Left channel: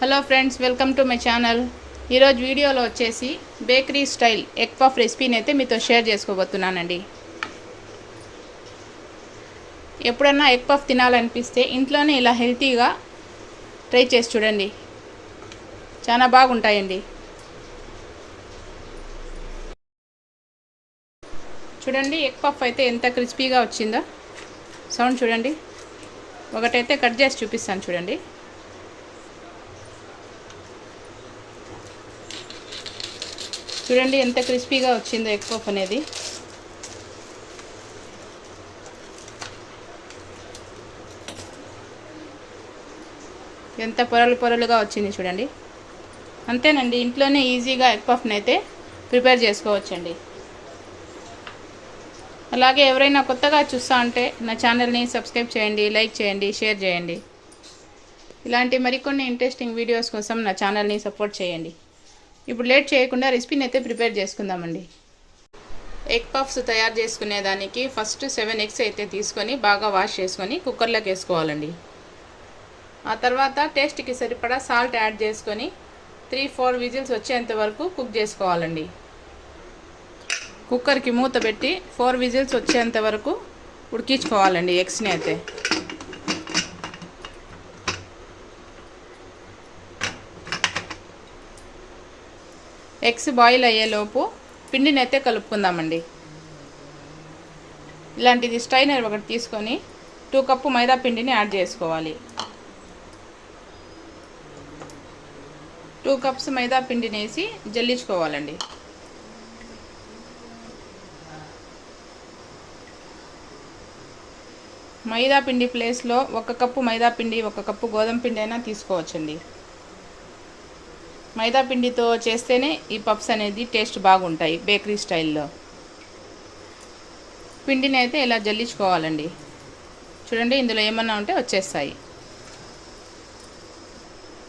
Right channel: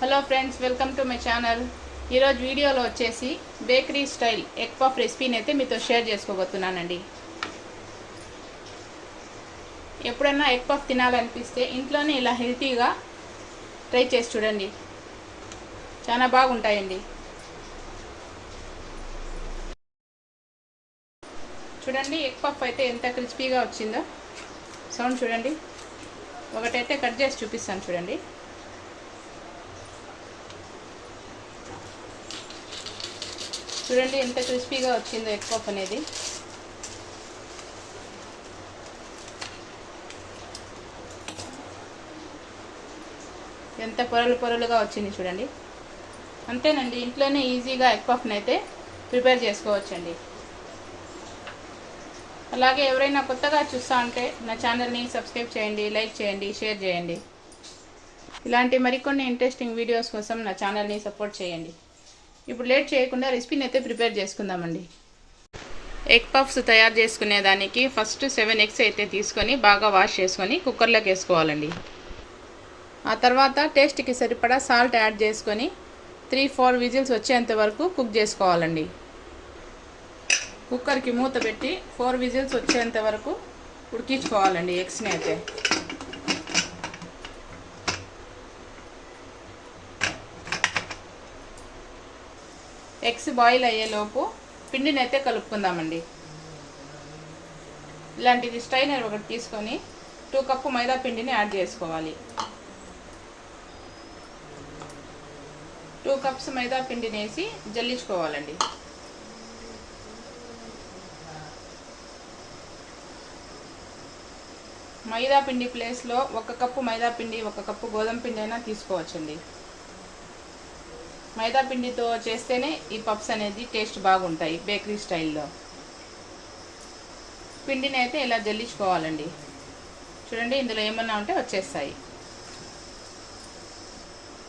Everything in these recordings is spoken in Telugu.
Hello friends, welcome to my channel. ఈరోజు వీడియోలో వచ్చేసి బేకరీ స్టైల్ ఎగ్ పఫ్ రెసిపీని అయితే మీతో షేర్ చేసుకోబోతున్నానండి. ఎప్పుడన్నా ఎగ్ పఫ్ తినాలనిపిస్తే ఇంట్లోనే ఇలా హెల్తీగా ట్రై చేసి చూడండి, చాలా బాగుంటాయండి. చూడండి ఎగ్ పఫ్ అయితే ఎంత క్రిస్పీగా వచ్చిందో. సౌండ్ చూడండి. ఒకటైతే కట్ చేసి చూపిస్తాను చూడండి. చూడండి ఎంత క్రిస్పీగా వచ్చిందో ఎగ్ పఫ్ అనేది. ఎంత పొరలుగా వచ్చింది చూడండి. అంతేనండి, ఇంట్లోనే ఈజీగా ఎగ్ పఫ్ని అయితే ప్రిపేర్ చేసుకోవచ్చండి. అలాగే ఎవరైనా కొత్తగా చూస్తా ఉంటే నా ఛానల్ని సబ్స్క్రైబ్ చేయండి, లైక్ చేయండి, షేర్ చేయండి. ఇలాంటి మరికొన్ని ఇంట్రెస్టింగ్ వీడియోస్ కోసం నా ఛానల్ని సపోర్ట్ చేయండి. ఇప్పుడు లేట్ చేయకుండా రెసిపీని అయితే ప్రిపేర్ చేసుకుందామండి. ఎగ్ పఫ్స్ తయారు చేసుకునేదానికి ఫస్ట్ 7 ఎగ్స్ అయితే తీసుకొని బాగా వాష్ చేసుకొని కుక్కర్లోకి వేసుకోవాలండి. ఆ తర్వాత టేస్ట్కి సరిపడా సాల్ట్ యాడ్ చేసుకొని 3-4 విజిల్స్ వచ్చేంత వరకు కుక్ చేసుకోవాలండి. కుక్కర్కి మూత పెట్టి 4 విజిల్స్ వచ్చేంత వరకు ఉడికించుకోవాలండి ఎగ్స్ని అయితే. ఎగ్స్ బాయిల్ అయ్యేలోపు పిండిని అయితే కలుపుకుందామండి. ఇలాంటిది స్ట్రైనర్ ఒకటి తీసుకొని 2 కప్పు మైదా పిండిని యాడ్ చేసుకోవాలి. 2 కప్స్ మైదా పిండిని వేసి జల్లించుకోవాలండి. మైదా పిండి ప్లేస్లో 1 కప్పు మైదా పిండి 1 కప్పు గోధుమ పిండి అయినా తీసుకోవచ్చండి. మైదా పిండితో చేస్తేనే ఈ పఫ్స్ అనేది టేస్ట్ బాగుంటాయి బేకరీ స్టైల్లో. పిండిని అయితే ఇలా జల్లించుకోవాలండి. చూడండి, ఇందులో ఏమన్నా ఉంటే వచ్చేస్తాయి.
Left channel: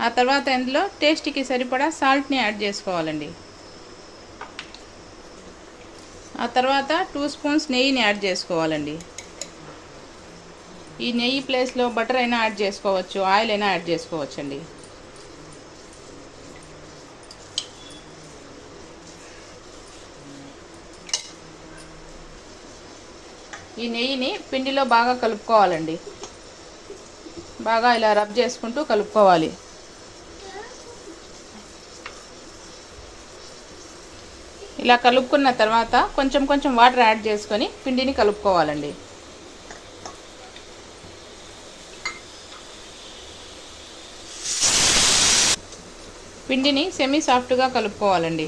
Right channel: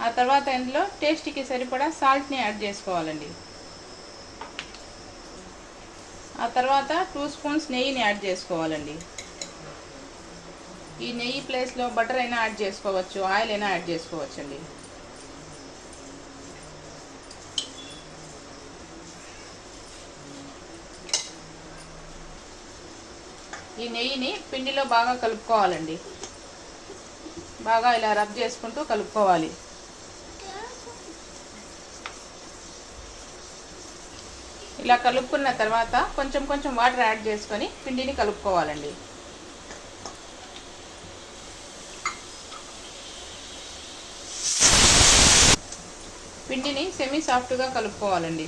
ఆ తర్వాత ఇందులో టేస్ట్కి సరిపడా సాల్ట్ని యాడ్ చేసుకోవాలండి. ఆ తర్వాత 2 స్పూన్స్ నెయ్యిని యాడ్ చేసుకోవాలండి. ఈ నెయ్యి ప్లేస్లో బటర్ అయినా యాడ్ చేసుకోవచ్చు, ఆయిల్ అయినా యాడ్ చేసుకోవచ్చండి. ఈ నెయ్యిని పిండిలో బాగా కలుపుకోవాలండి. బాగా ఇలా రబ్ చేసుకుంటూ కలుపుకోవాలి. ఇలా కలుపుకున్న తర్వాత కొంచెం వాటర్ యాడ్ చేసుకొని పిండిని కలుపుకోవాలండి. పిండిని సెమీ సాఫ్ట్గా కలుపుకోవాలండి.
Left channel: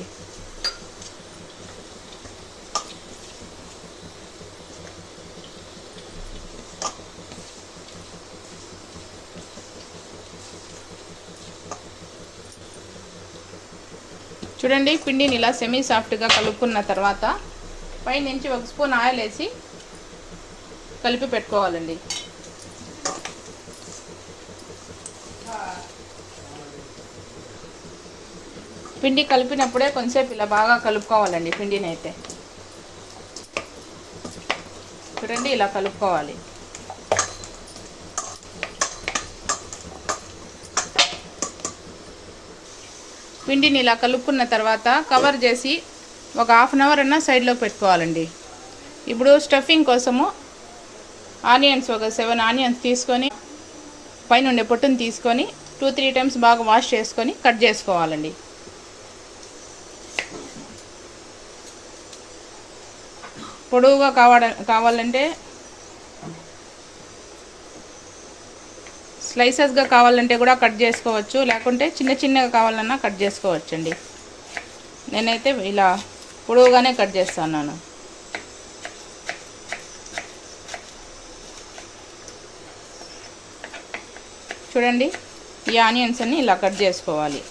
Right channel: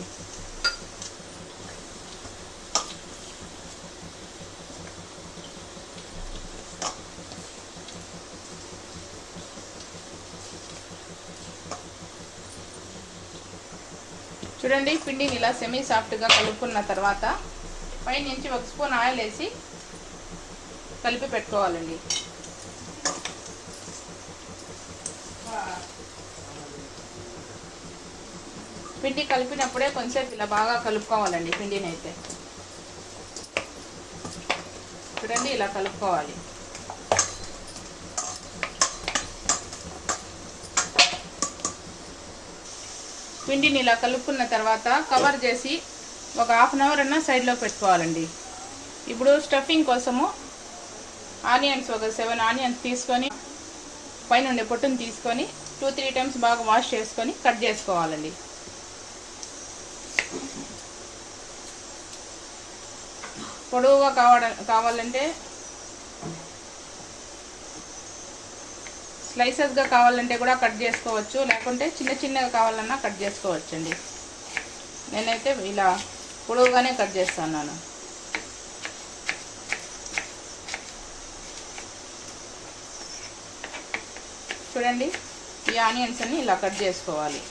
చూడండి, పిండిని ఇలా సెమీ సాఫ్ట్గా కలుపుకున్న తర్వాత పైనుంచి 1 స్పూన్ ఆయిల్ వేసి కలిపి పెట్టుకోవాలండి. పిండి కలిపినప్పుడే కొంచెంసేపు ఇలా బాగా కలుపుకోవాలండి. పిండిని అయితే చూడండి ఇలా కలుపుకోవాలి. పిండిని ఇలా కలుపుకున్న తర్వాత కవర్ చేసి ఒక 1/2 అవర్ అన్నా సైడ్లో పెట్టుకోవాలండి. ఇప్పుడు స్టఫింగ్ కోసము ఆనియన్స్ ఒక 7 ఆనియన్స్ తీసుకొని పైన ఉండే పొట్టును తీసుకొని 2-3 టైమ్స్ బాగా వాష్ చేసుకొని కట్ చేసుకోవాలండి. పొడవుగా కావాలంటే స్లైసెస్గా కావాలంటే కూడా కట్ చేసుకోవచ్చు, లేకుంటే చిన్నగా కావాలన్నా కట్ చేసుకోవచ్చండి. నేనైతే ఇలా పొడవుగానే కట్ చేస్తున్నాను. చూడండి, ఈ ఆనియన్స్ అన్ని ఇలా కట్ చేసుకోవాలి.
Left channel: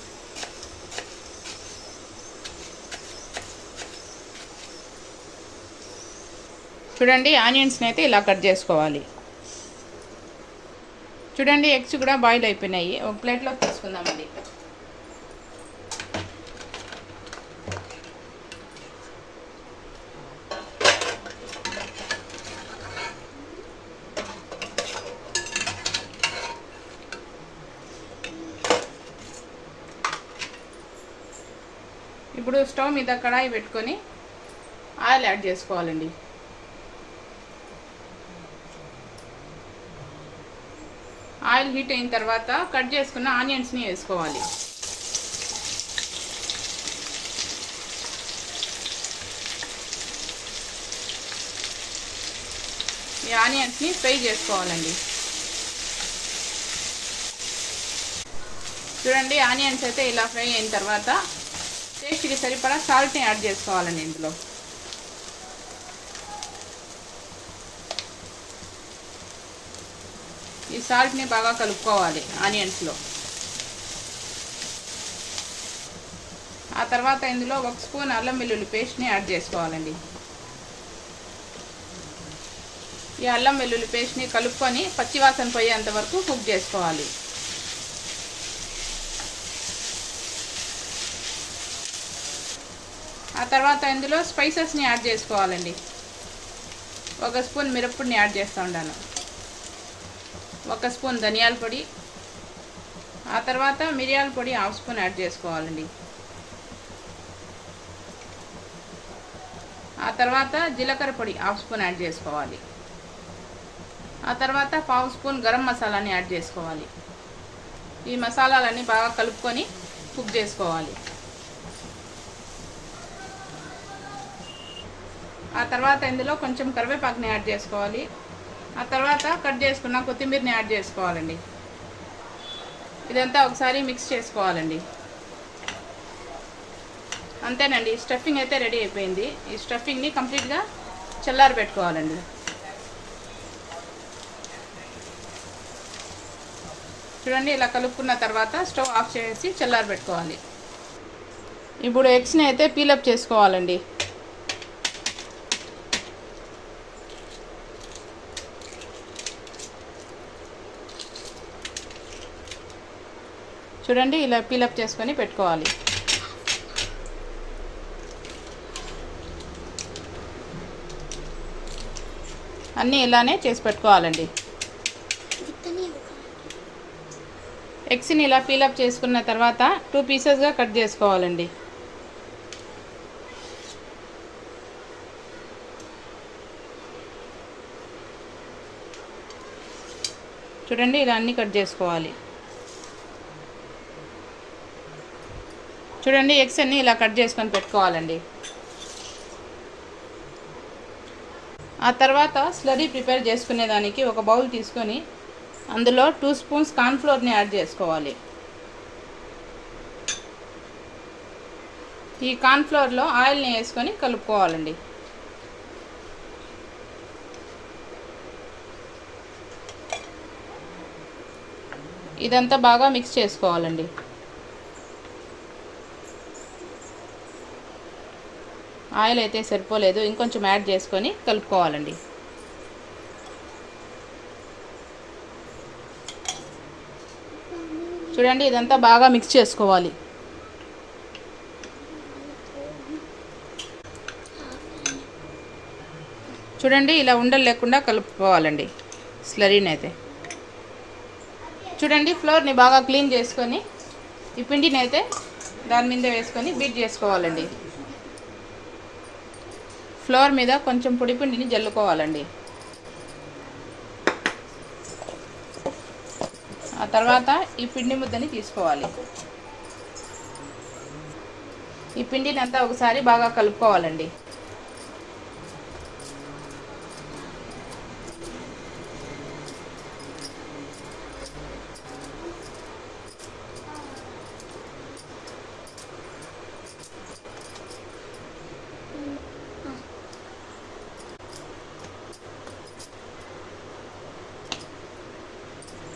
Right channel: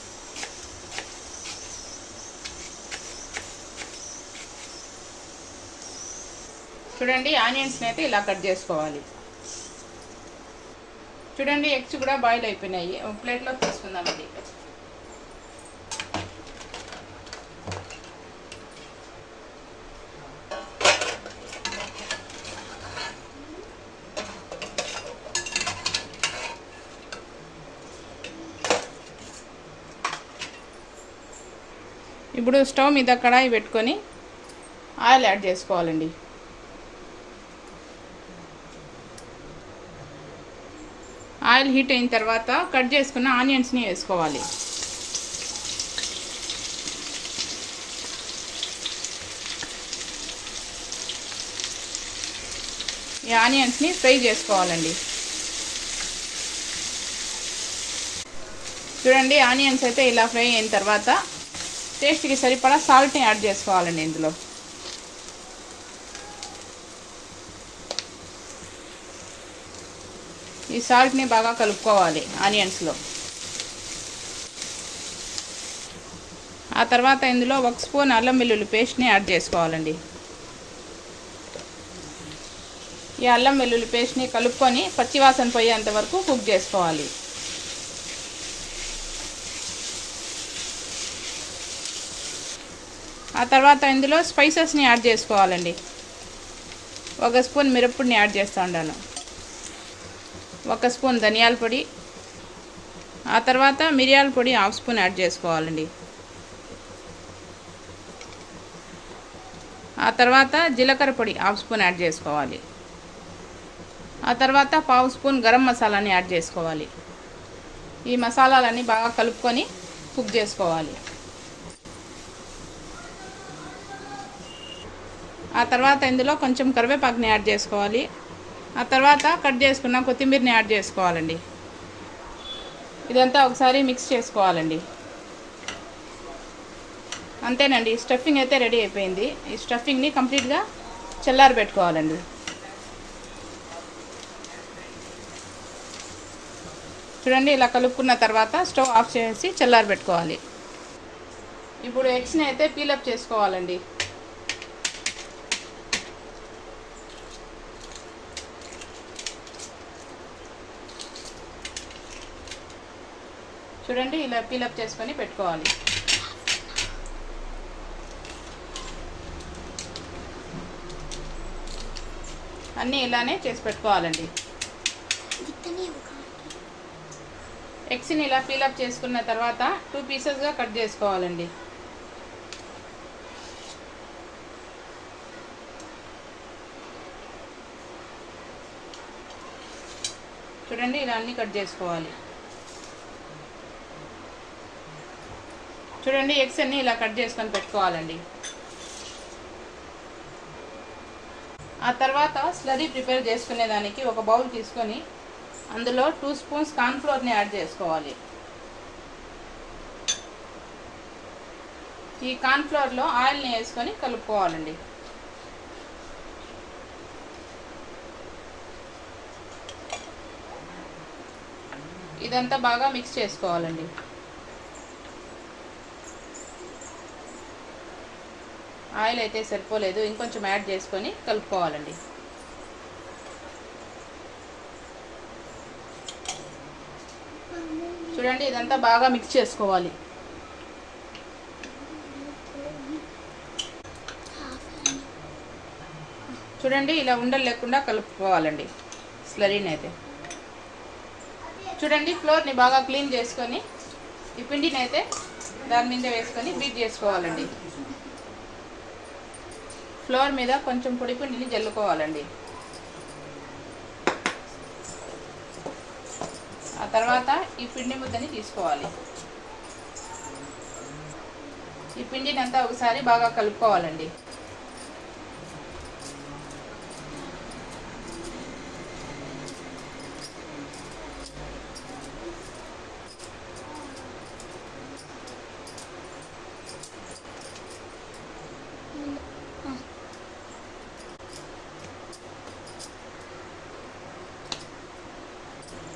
చూడండి, ఆనియన్స్ని అయితే ఇలా కట్ చేసుకోవాలి. చూడండి, ఎగ్స్ కూడా బాయిల్ అయిపోయినాయి. ఒక ప్లేట్లో తీసుకుందామండి. ఇప్పుడు స్టవ్ మీద కడాయి పెట్టుకొని ఆయిల్ యాడ్ చేసుకోవాలండి. ఆయిల్ హీట్ అయిన తర్వాత కట్ చేసుకున్న ఆనియన్స్ని వేసుకోవాలి. ఈ ఆనియన్స్ని ఫ్రై చేసుకోవాలండి. చూడండి, ఆనియన్స్ అయితే ఇలా ఫ్రై అయిన తర్వాత టేస్ట్కి సరిపడా సాల్ట్ని యాడ్ చేసుకోవాలండి. ఇందులో ఈ సాల్ట్ని బాగా కలుపుకోవాలి ఆనియన్స్లో. ఆ తర్వాత ఇందులో 1 స్పూన్ అల్లం వెల్లుల్లి పేస్ట్ని యాడ్ చేసుకోవాలండి. ఈ అల్లం వెల్లుల్లి పేస్ట్ని కలుపుకొని పచ్చివాసన పోయేంత వరకు కుక్ చేసుకోవాలి. ఆ తర్వాత ఇందులో స్పైసెస్ని యాడ్ చేసుకోవాలండి. 1 స్పూన్ మిరప్పొడిని యాడ్ చేస్తూ ఉన్నాను, 1 స్పూన్ ధనియాల పొడి, ఆ తర్వాత మిరియాల పొడి 1/2 స్పూన్ యాడ్ చేసుకోవాలండి. ఆ తర్వాత జీలకర్ర పొడి 1/2 స్పూన్ యాడ్ చేసుకోవాలి. ఆ తర్వాత 1/2 స్పూన్ గరం మసాలాని యాడ్ చేసుకోవాలి. ఈ మసాలాలన్నీ బాగా కలుపుకొని కుక్ చేసుకోవాలి. ఆ తర్వాత ఇందులో కొంచెం కరివేపాకుని యాడ్ చేసుకోవాలి. ఆ తర్వాత కట్ చేసుకున్న కొత్తిమీరని యాడ్ చేసుకోవాలండి. ఇదంతా ఒకసారి మిక్స్ చేసుకోవాలండి. అంతేనండి, స్టఫింగ్ అయితే రెడీ అయిపోయింది. ఈ స్టఫింగ్ని కంప్లీట్గా చల్లారి పెట్టుకోవాలండి. చూడండి, ఇలా కలుపుకున్న తర్వాత స్టవ్ ఆఫ్ చేసి చల్లారి పెట్టుకోవాలి. ఇప్పుడు ఎగ్స్ని అయితే పీలప్ చేసుకోవాలండి. చూడండి, ఇలా పీలప్ చేసుకొని పెట్టుకోవాలి. అన్నీ ఇలానే చేసి పెట్టుకోవాలండి. ఎగ్స్ని ఇలా పీలప్ చేసుకున్న తర్వాత 2 పీసెస్గా కట్ చేసుకోవాలండి. చూడండి, ఇలా అన్నీ కట్ చేసుకోవాలి. చూడండి, ఎగ్స్ అన్నీ ఇలా కట్ చేసుకొని పెట్టుకోవాలండి. ఆ తర్వాత స్లరీ ప్రిపేర్ చేసుకునేదానికి ఒక బౌల్ తీసుకొని అందులో 2 స్పూన్స్ కార్న్ఫ్లోర్ని యాడ్ చేసుకోవాలి. ఈ కార్న్ఫ్లోర్లో ఆయిల్ని వేసుకొని కలుపుకోవాలండి. ఇదంతా బాగా మిక్స్ చేసుకోవాలండి. ఆయిల్ అయితే సరిపోలేదు, ఇంకొంచెం యాడ్ చేసుకొని కలుపుకోవాలండి. చూడండి, ఇదంతా బాగా మిక్స్ చేసుకోవాలి. చూడండి, ఇలా ఉండలు లేకుండా కలుపుకోవాలండి స్లరీని అయితే. చూడండి, ఫ్లోర్ని బాగా క్లీన్ చేసుకొని ఈ పిండిని అయితే దాని మీద వేసుకొని బీట్ చేసుకోవాలండి. ఫ్లోర్ మీద కొంచెం పొడి పిండిని జల్లుకోవాలండి. ఆ తర్వాత ఈ పిండి ముద్దని తీసుకోవాలి. ఈ పిండిని అంతా ఒకసారి బాగా కలుపుకోవాలండి.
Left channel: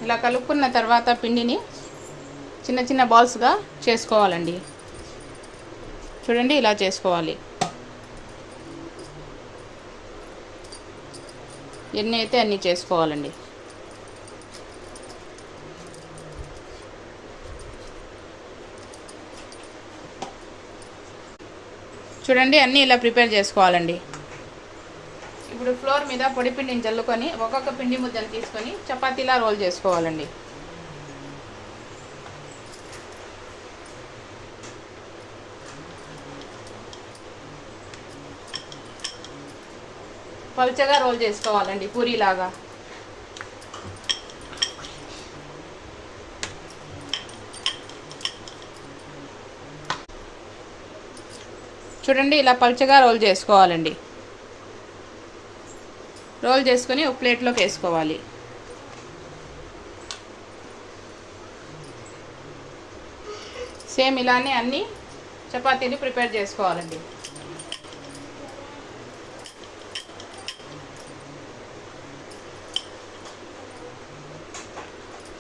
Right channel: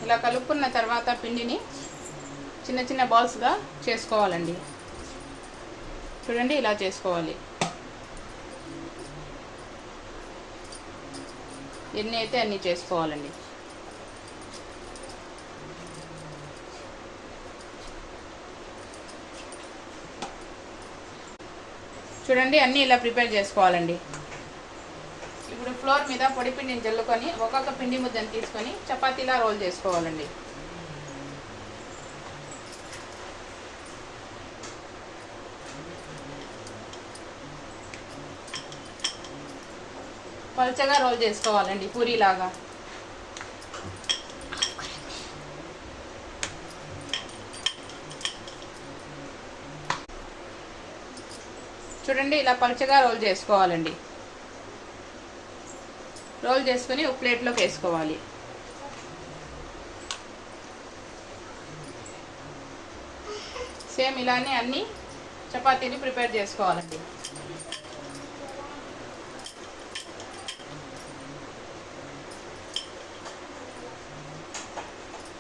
ఇలా కలుపుకున్న తర్వాత పిండిని చిన్న చిన్న బాల్స్గా చేసుకోవాలండి. చూడండి, ఇలా చేసుకోవాలి. ఎన్ని అయితే అన్నీ చేసుకోవాలండి. చూడండి, అన్నీ ఇలా ప్రిపేర్ చేసుకోవాలండి. ఇప్పుడు ఫ్లోర్ మీద పొడి పిండిని జల్లుకొని ఒక్కొక్క పిండి ముద్దను తీసుకొని చపాతీలా రోల్ చేసుకోవాలండి. పల్చగా రోల్ చేసుకోవాలండి పూరీలాగా. చూడండి ఇలా పల్చగా రోల్ చేసుకోవాలండి. రోల్ చేసుకొని ఒక ప్లేట్లోకి వేసుకోవాలి. సేమ్ ఇలానే అన్ని చపాతీలు ప్రిపేర్ చేసుకోవాలండి.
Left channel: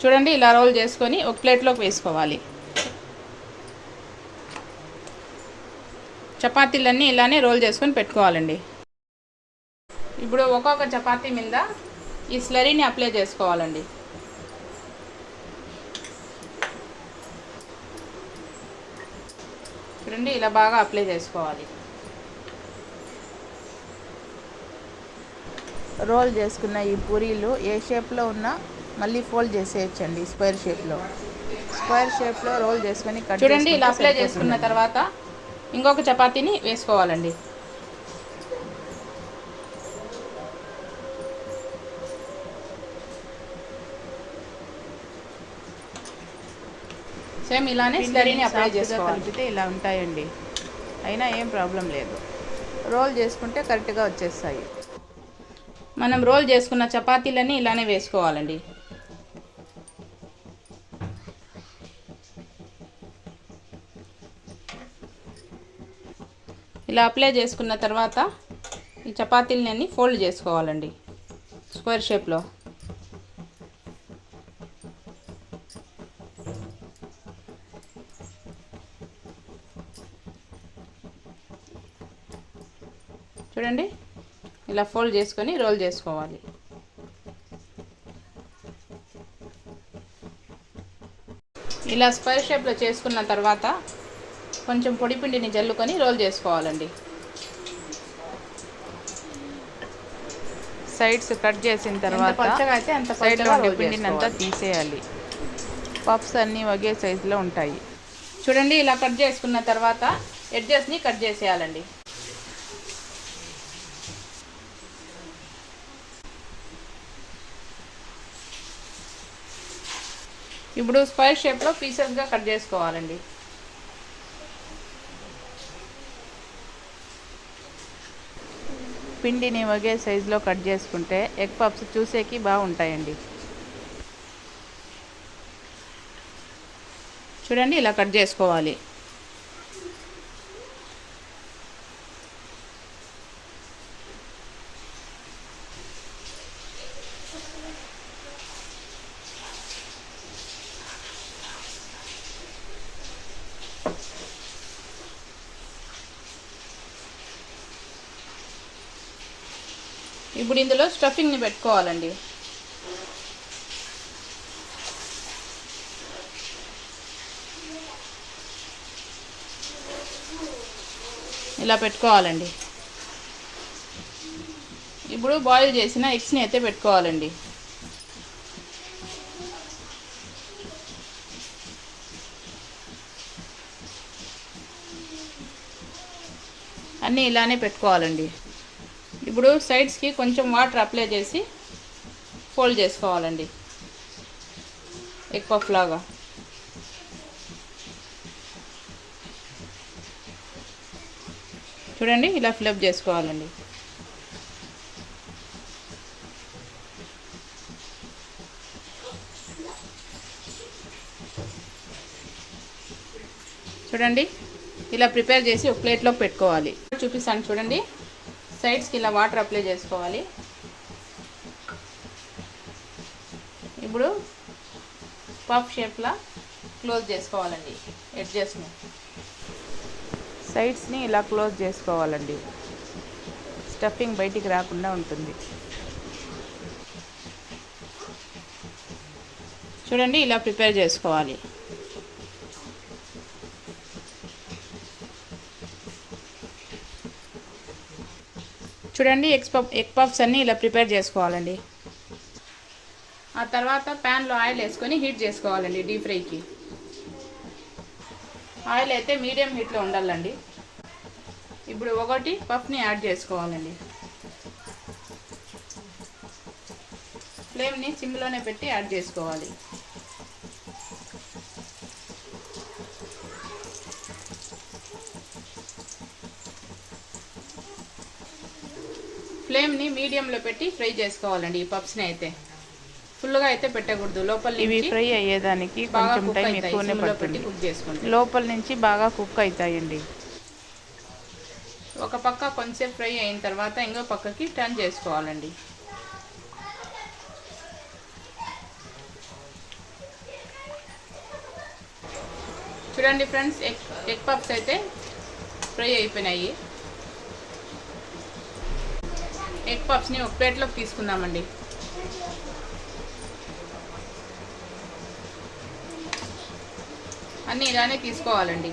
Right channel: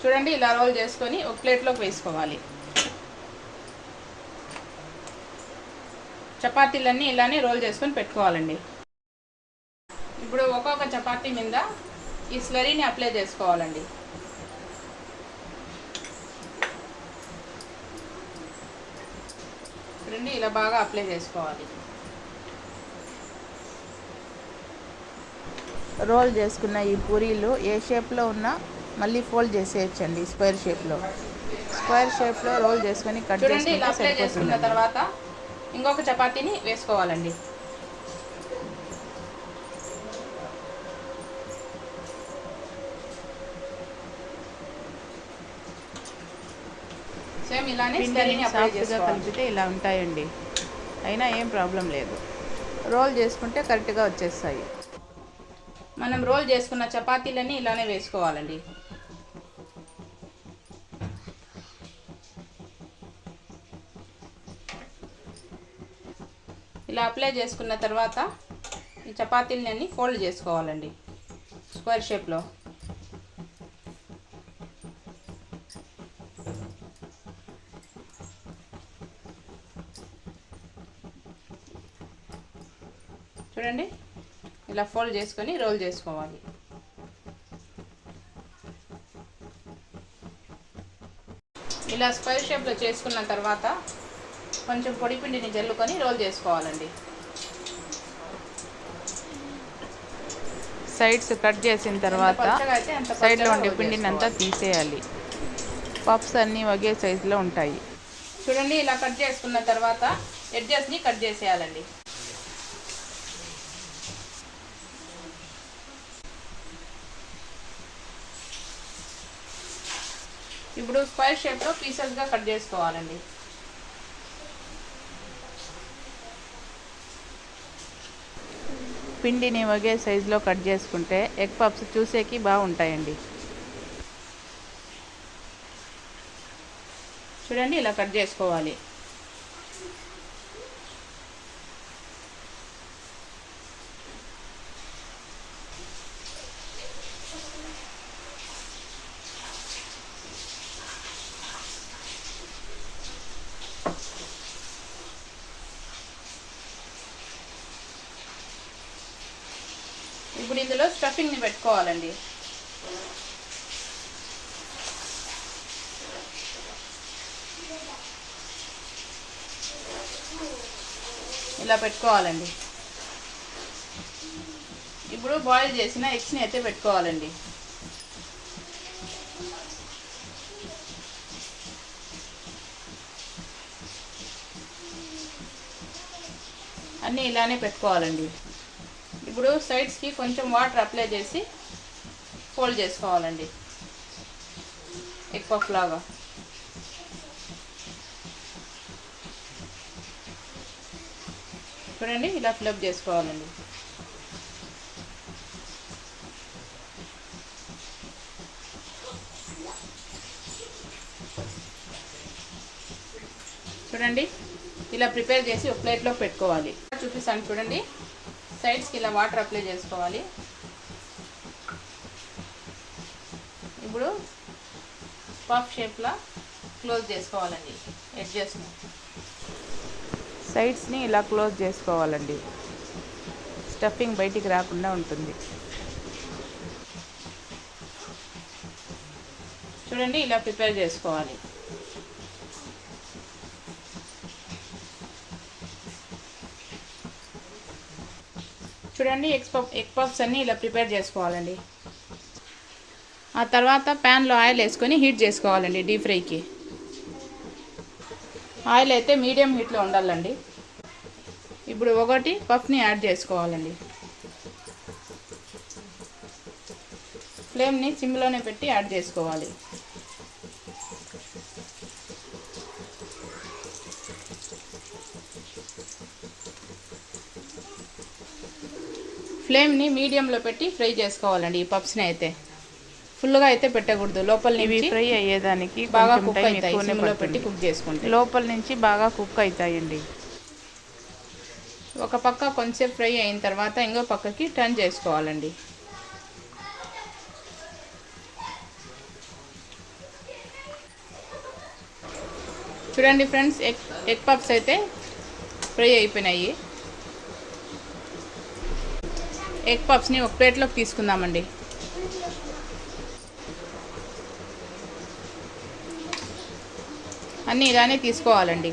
చూడండి ఇలా రోల్ చేసుకొని ఒక ప్లేట్లోకి వేసుకోవాలి. చపాతీలన్నీ ఇలానే రోల్ చేసుకొని పెట్టుకోవాలండి. ఇప్పుడు ఒక్కొక్క చపాతీ మీద ఈ స్లరీని అప్లై చేసుకోవాలండి. చూడండి ఇలా బాగా అప్లై చేసుకోవాలి. రోల్ చేసుకున్న ఈ పూరీలు ఏ షేప్లో ఉన్నా మళ్ళీ ఫోల్డ్ చేసేయచ్చండి. స్క్వేర్ షేప్లో రోల్ చేసుకొని కట్ చూడండి ఇలా అప్లై చేసుకున్న తర్వాత ఇంకొక చపాతీని వేసుకోవాలండి. సేమ్ ఇలానే స్లరీని అప్లై చేసుకోవాలి. కలిపితే ఇలా ఉంటాయండి. అయినా ఏం ప్రాబ్లం లేదు. రోల్ చేసుకుంటే కరెక్ట్గా వచ్చేస్తాయి. మనం రోల్ చేసుకున్న చపాతీలన్నీ ఇలానే వేసుకోవాలండి. ఇలా అప్లై చేసుకున్న తర్వాత ఈ చపాతీలని అన్ని ఫోల్డ్ చేసుకోవాలండి స్క్వేర్ షేప్లో. చూడండి ఇలా ఫోల్డ్ చేసుకొని రోల్ చేసుకోవాలి. ఇలా స్క్వేర్ షేప్లో చేసుకున్న తర్వాత కొంచెం పొడి పిండిని జల్లుకొని రోల్ చేసుకోవాలండి. సైడ్స్ కట్ చేసిన తర్వాత సైడ్లో ఉండే పిండిని అంతా తీసేయాలి. పఫ్స్ అన్నీ ఒకే సైజులో ఉంటాయి. చూడండి ఇలా కట్ చేసుకున్న తర్వాత ఎడ్జెస్ని కట్ చేసేయాలండి. ఇప్పుడు స్క్వేర్ షేప్లో పీసెస్గా కట్ చేసుకోవాలండి. పిండిని ఒకే సైజులో కట్ చేసుకుంటే ఎగ్ పఫ్స్ చూసేకి బాగుంటాయండి. చూడండి ఇలా కట్ చేసుకోవాలి. ఇప్పుడు ఇందులో స్టఫింగ్ని పెట్టుకోవాలండి. ఇలా పెట్టుకోవాలండి. ఇప్పుడు బాయిల్ చేసిన ఎగ్స్ని అయితే పెట్టుకోవాలండి. అన్నీ ఇలానే పెట్టుకోవాలండి. ఇప్పుడు సైడ్స్కి కొంచెం వాటర్ అప్లై చేసి ఫోల్డ్ చేసుకోవాలండి ఎగ్ పఫ్ లాగా. చూడండి ఇలా ఫిలప్ చేసుకోవాలండి. చూడండి ఇలా ప్రిపేర్ చేసి ఒక ప్లేట్లోకి పెట్టుకోవాలి. చూపిస్తాను చూడండి. సైడ్స్కి ఇలా వాటర్ అప్లై చేసుకోవాలి. ఇప్పుడు పఫ్ షేప్లా క్లోజ్ చేసుకోవాలండి ఎడ్జెస్ని. సైడ్స్ని ఇలా క్లోజ్ చేసుకోవాలండి. స్టఫింగ్ బయటికి రాకుండా ఉంటుంది. చూడండి ఇలా ప్రిపేర్ చేసుకోవాలి. చూడండి ఎగ్ పఫ్స్ అన్నీ ఇలా ప్రిపేర్ చేసుకోవాలండి. ఆ తర్వాత ప్యాన్లో ఆయిల్ వేసుకొని హీట్ చేసుకోవాలండి డీప్ ఫ్రైకి. ఆయిల్ అయితే మీడియం హీట్లో ఉండాలండి. ఇప్పుడు ఒకటి పఫ్ని యాడ్ చేసుకోవాలండి. ఫ్లేమ్ని సిమ్లోనే పెట్టి యాడ్ చేసుకోవాలి. ఫ్లేమ్ని మీడియంలో పెట్టి ఫ్రై చేసుకోవాలండి. ఈ పప్స్ని అయితే ఫుల్గా అయితే పెట్టకూడదు. లోపల ఇవి ఫ్రై అయ్యేదానికి కొంచెం టైం ఎక్కువనే పడుతుంది. కుక్ చేసుకుంటే లోపల నుంచి బాగా కుక్ అవుతాయండి. ఒక పక్క కొంచెంసేపు ఫ్రై అయిన తర్వాత ఇంకో పక్కకి టర్న్ చేసుకోవాలండి. చూడండి ఫ్రెండ్స్, ఎగ్ పప్స్ అయితే ఫ్రై అయిపోయినాయి. ఎగ్ పప్స్ని ఒక ప్లేట్లోకి తీసుకుందామండి. అన్నీ ఇలానే తీసుకోవాలండి.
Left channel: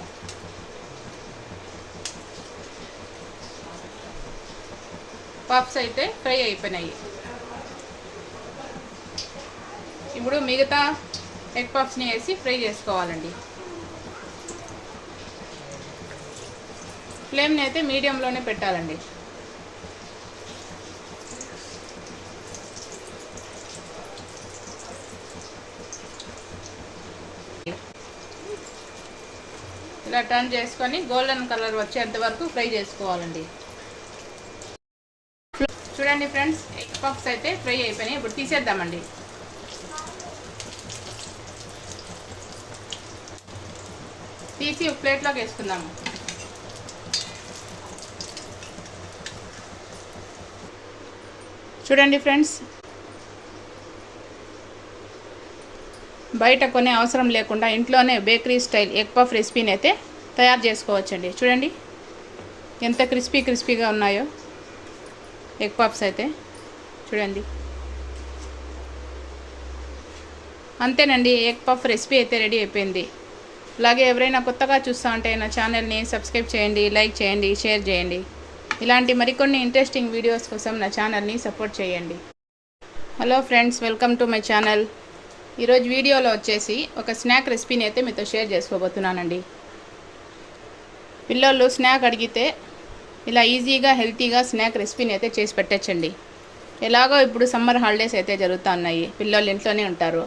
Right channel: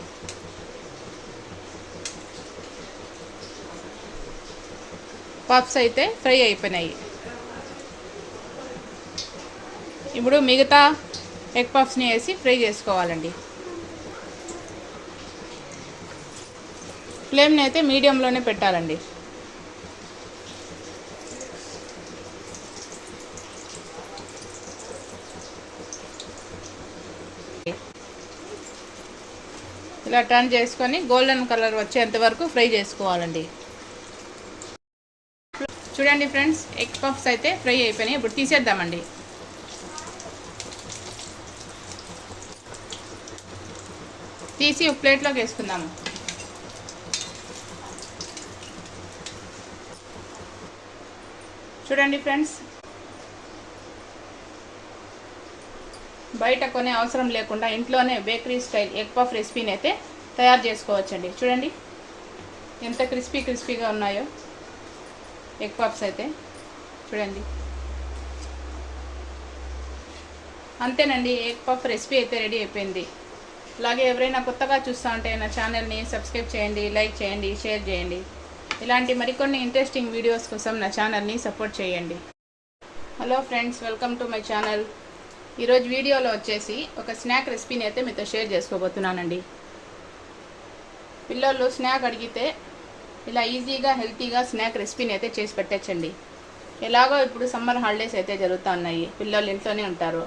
పప్స్ అయితే ఫ్రై అయిపోయినాయి. ఇప్పుడు మిగతా ఎగ్ పప్స్ని వేసి ఫ్రై చేసుకోవాలండి. ఫ్లేమ్ని అయితే మీడియంలోనే పెట్టాలండి. ఇలా టర్న్ చేసుకొని గోల్డెన్ కలర్ వచ్చేంత వరకు ఫ్రై చేసుకోవాలండి. చూడండి ఫ్రెండ్స్, ఎగ్ పఫ్స్ అయితే ఫ్రై అయిపోయినాయి. ఇప్పుడు తీసేద్దామండి. తీసి ఒక ప్లేట్లోకి వేసుకుందాము. చూడండి ఫ్రెండ్స్, బయట కొనే అవసరం లేకుండా ఇంట్లోనే బేకరీ స్టైల్ ఎగ్ పఫ్ రెసిపీని అయితే తయారు చేసుకోవచ్చండి. చూడండి ఎంత క్రిస్పీగా ఉన్నాయో ఎగ్ పఫ్స్ అయితే. చూడండి, అంతేనండి, ఎగ్ పఫ్ రెసిపీ అయితే రెడీ అయిపోయింది. అలాగే ఎవరైనా కొత్తగా చూస్తూ ఉంటే నా ఛానల్ని సబ్స్క్రైబ్ చేయండి, లైక్ చేయండి, షేర్ చేయండి. ఇలాంటి మరికొన్ని ఇంట్రెస్టింగ్ వీడియోస్ కోసం నా ఛానల్ని సపోర్ట్ చేయండి. Hello friends, welcome to my channel. ఈరోజు వీడియోలో వచ్చేసి ఒక స్నాక్ రెసిపీని అయితే మీతో షేర్ చేసుకోబోతున్నానండి. పిల్లలు స్నాక్ అడిగితే ఇలా ఈజీగా హెల్తీగా స్నాక్ రెసిపీని అయితే చేసి పెట్టచ్చండి. ఎలాగో ఇప్పుడు సమ్మర్ హాలిడేస్ అయితే జరుగుతూ ఉన్నాయి. పిల్లలు ఇంట్లోనే ఉంటారు.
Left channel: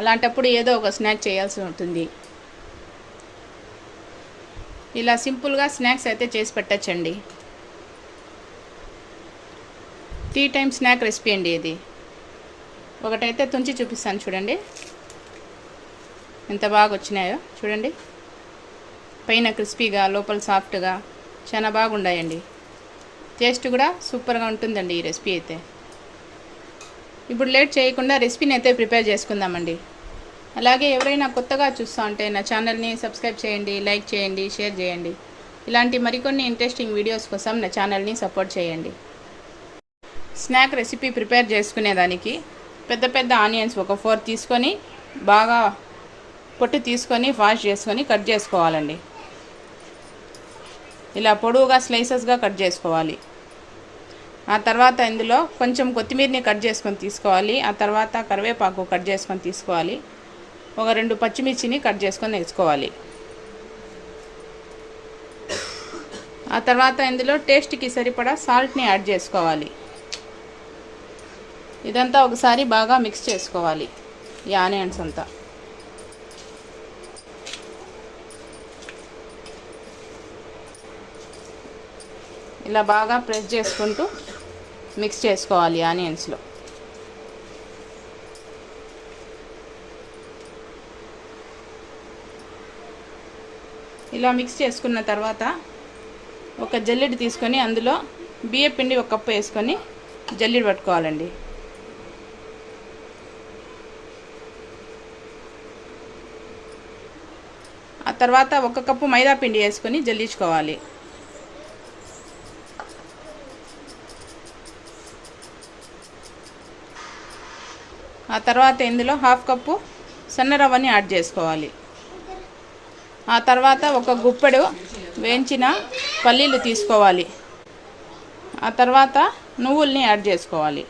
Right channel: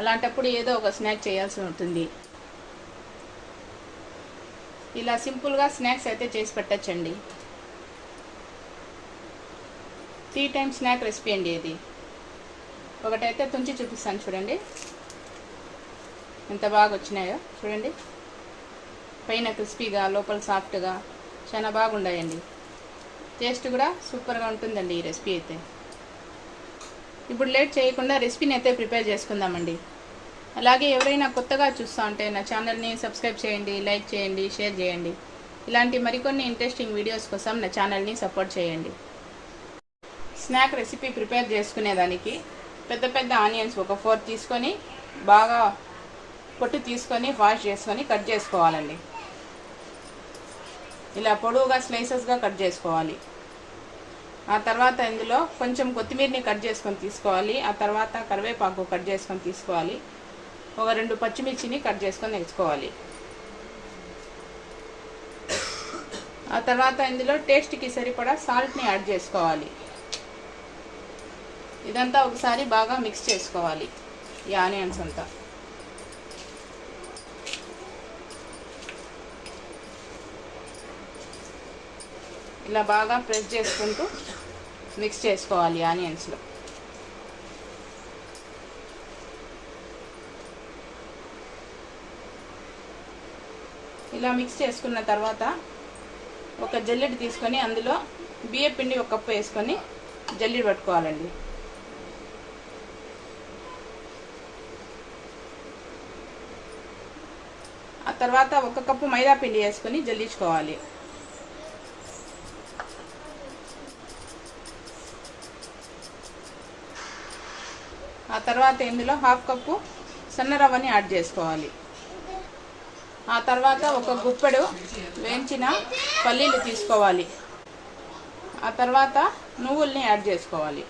అలాంటప్పుడు ఏదో ఒక స్నాక్ చేయాల్సి ఉంటుంది. ఇలా సింపుల్గా స్నాక్స్ అయితే చేసి పెట్టచ్చండి. టీ టైం స్నాక్ రెసిపీ అండి ఇది. ఒకటైతే తుంచి చూపిస్తాను. చూడండి ఎంత బాగా వచ్చినాయో. చూడండి, పైన క్రిస్పీగా లోపల సాఫ్ట్గా చాలా బాగున్నాయండి. టేస్ట్ కూడా సూపర్గా ఉంటుందండి ఈ రెసిపీ అయితే. ఇప్పుడు లేట్ చేయకుండా రెసిపీని అయితే ప్రిపేర్ చేసుకుందామండి. అలాగే ఎవరైనా కొత్తగా చూస్తూ ఉంటే నా ఛానల్ని సబ్స్క్రైబ్ చేయండి, లైక్ చేయండి, షేర్ చేయండి. ఇలాంటి మరికొన్ని ఇంట్రెస్టింగ్ వీడియోస్ కోసం నా ఛానల్ని సపోర్ట్ చేయండి. స్నాక్ రెసిపీ ప్రిపేర్ చేసుకునేదానికి పెద్ద పెద్ద ఆనియన్స్ ఒక 4 తీసుకొని బాగా పొట్టు తీసుకొని వాష్ చేసుకొని కట్ చేసుకోవాలండి. ఇలా పొడవుగా స్లైసెస్గా కట్ చేసుకోవాలి. ఆ తర్వాత ఇందులో కొంచెం కొత్తిమీరని కట్ చేసుకొని తీసుకోవాలి. ఆ తర్వాత కరివేపాకు కట్ చేసుకొని తీసుకోవాలి. ఒక 2 పచ్చిమిర్చిని కట్ చేసుకొని వేసుకోవాలి. ఆ తర్వాత ఇందులో టేస్ట్కి సరిపడా సాల్ట్ని యాడ్ చేసుకోవాలి. ఇదంతా ఒకసారి బాగా మిక్స్ చేసుకోవాలి. ఈ ఆనియన్స్ అంతా ఇలా బాగా ప్రెస్ చేసుకుంటూ మిక్స్ చేసుకోవాలి ఆనియన్స్లో. ఇలా మిక్స్ చేసుకున్న తర్వాత ఒక జల్లెడ తీసుకొని అందులో బియ్య పిండి 1 కప్పు వేసుకొని జల్లెడ పట్టుకోవాలండి. ఆ తర్వాత 1 కప్పు మైదా పిండి వేసుకొని జల్లించుకోవాలి. ఆ తర్వాత ఇందులో 1/2 కప్పు సన్న రవ్వని యాడ్ చేసుకోవాలి. ఆ తర్వాత 1 గుప్పెడు వేయించిన పల్లీలు తీసుకోవాలి. ఆ తర్వాత నువ్వుల్ని యాడ్ చేసుకోవాలి.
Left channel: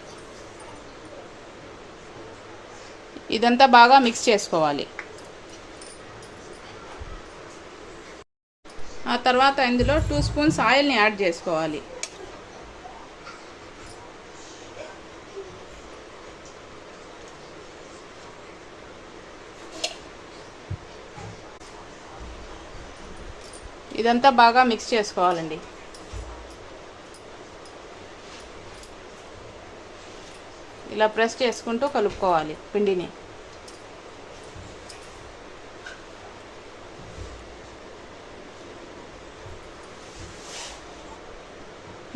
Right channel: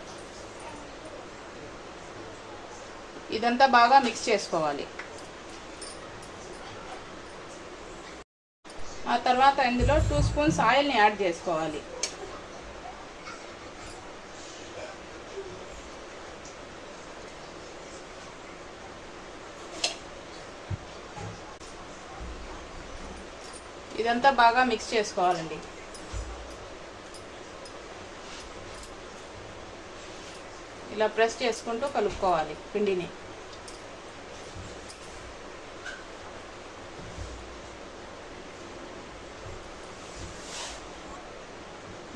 ఇదంతా బాగా మిక్స్ చేసుకోవాలి. ఆ తర్వాత ఇందులో 2 స్పూన్స్ ఆయిల్ని యాడ్ చేసుకోవాలి. ఇదంతా బాగా మిక్స్ చేసుకోవాలండి. ఇలా ప్రెస్ చేసుకుంటూ కలుపుకోవాలి పిండిని.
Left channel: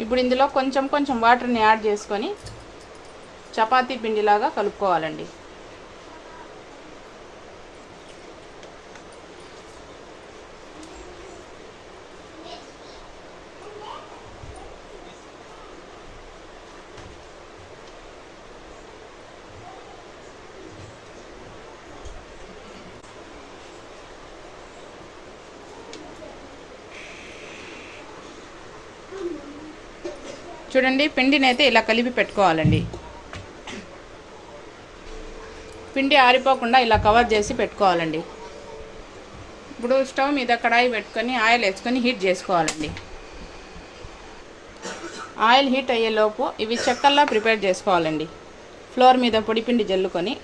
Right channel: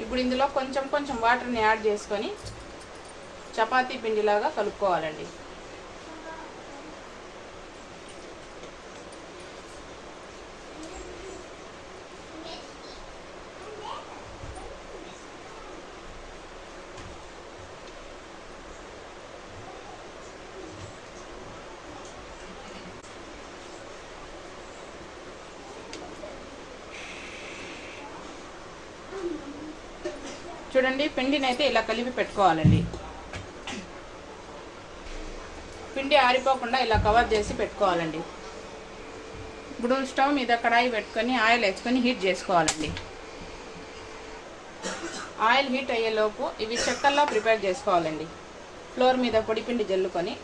ఇప్పుడు ఇందులో కొంచెం కొంచెం వాటర్ని యాడ్ చేసుకొని చపాతీ పిండిలాగా కలుపుకోవాలండి. చూడండి, పిండిని అయితే ఇలా కలిపి పెట్టుకోవాలండి. పిండి ఆరిపోకుండా ఇలా కవర్ చేసి పెట్టుకోవాలండి. ఇప్పుడు స్టవ్ మీద కడాయి పెట్టుకొని ఆయిల్ వేసుకొని హీట్ చేసుకోవాలండి. ఆయిల్ హీట్ అయ్యేలోపు ఇవి చెక్కల్లా ప్రిపేర్ చేసుకోవాలండి. ఫ్లోర్ మీద పొడి పిండి జల్లుకొని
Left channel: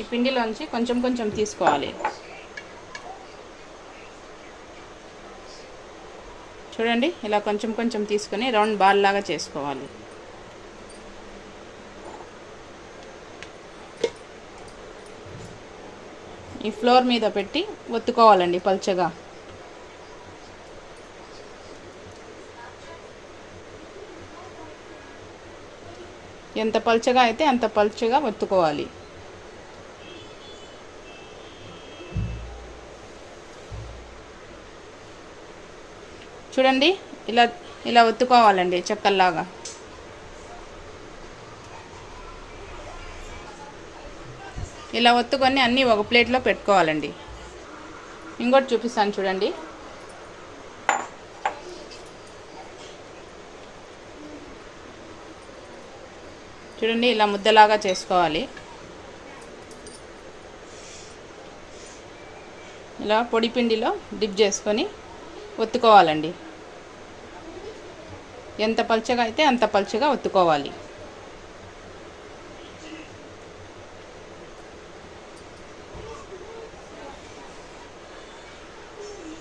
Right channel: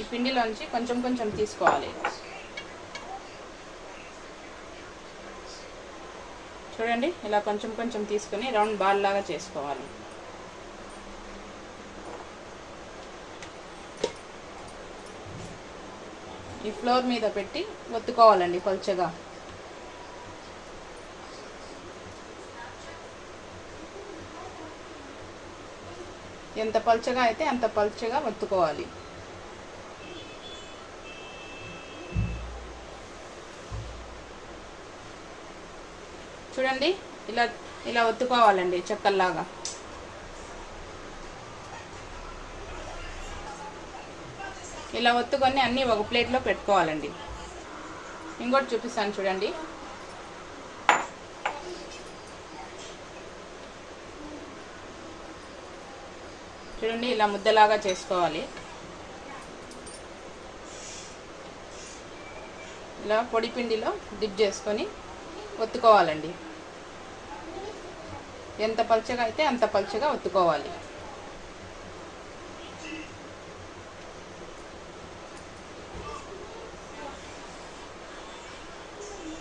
ఈ పిండిలోంచి కొంచెం కొంచెం తీసుకోవాలి. చూడండి, ఇలా కొంచెం కొంచెం తీసుకొని రౌండ్ బాల్ లాగా చేసుకోవాలి. ఈ ఫ్లోర్ మీద పెట్టి ఒత్తుకోవాలండి పల్చగా. ఎంత పల్చగా అయితే అంత పల్చగా ఒత్తుకోవాలి. చూడండి, ఇలా ఇలా ఒత్తుకోవాలండి చెక్కల్లాగా. ఇలా ఒత్తుకొని అన్నీ ఒక ప్లేట్లో పెట్టుకోవాలండి. ఇంకోటి చూపిస్తాను చూడండి. చూడండి, ఇలా ముద్దలాగా చేసుకోవాలి. ఇలా పొడి పిండిలో డిప్ చేసుకొని ఒత్తుకోవాలండి. ఎంత పల్చగా అయితే అంత పల్చగా ఒత్తుకోవాలి.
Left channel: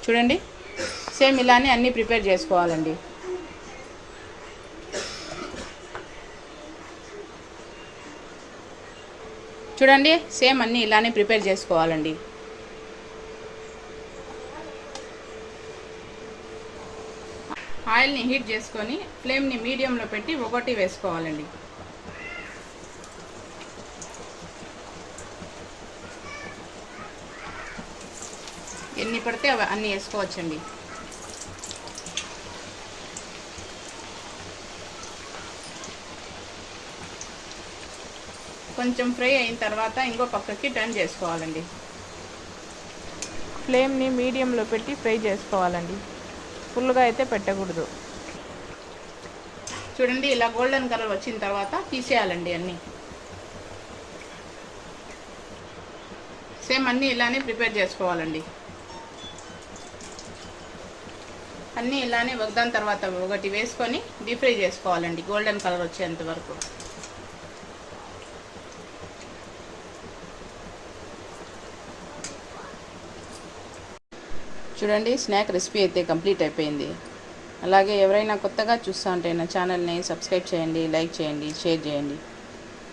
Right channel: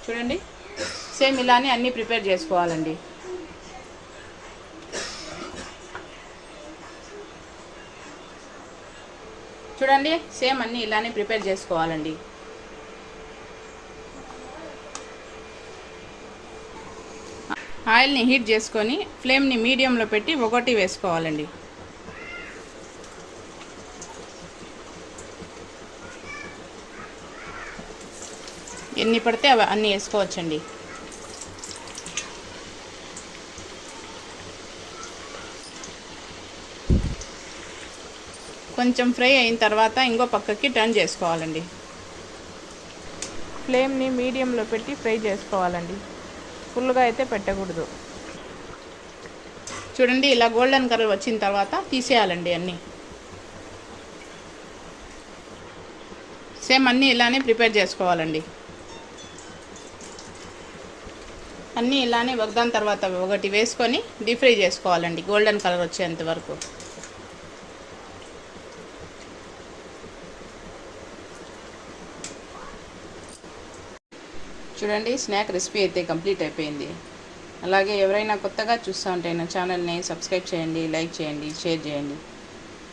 చూడండి, సేమ్ ఇలానే అన్నీ ప్రిపేర్ చేసుకోవాలండి. చూడండి, సేమ్ అన్నీ ఇలానే ప్రిపేర్ చేసుకోవాలండి. ఆయిల్ని హీట్ చేసుకొని ఫ్లేమ్ని మీడియంలో పెట్టి ఒకటి వేసుకోవాలండి. ఎన్ని పడితే అవి అన్నీ వేసుకోవచ్చండి. కొంచెం ఫ్రై అయిన తర్వాత ఇంకో పక్కకి టర్న్ చేసుకోవాలండి. ఫ్లేమ్ని మీడియంలో పెట్టి ఫ్రై చేసుకోవాలండి. ఫుల్గా అయితే పెట్టకూడదు. చూడండి, ఇలా గోల్డెన్ కలర్ వచ్చిన తర్వాత తీసేయాలండి అన్నీ. సేమ్ అన్నీ ఇలానే ప్రిపేర్ చేసుకోవాలండి. అన్నీ ఇలానే ఒకదాని తర్వాత ఒకటి వేసుకొని డీప్ ఫ్రై చేసుకోవాలండి గోల్డెన్ కలర్ వచ్చేంత వరకు. చూడండి, స్నాక్ రెసిపీ అయితే కంప్లీట్ అయిపోయింది. అలాగే ఎవరైనా కొత్తగా చూస్తూ ఉంటే నా ఛానల్ని సబ్స్క్రైబ్ చేయండి, లైక్ చేయండి, షేర్ చేయండి.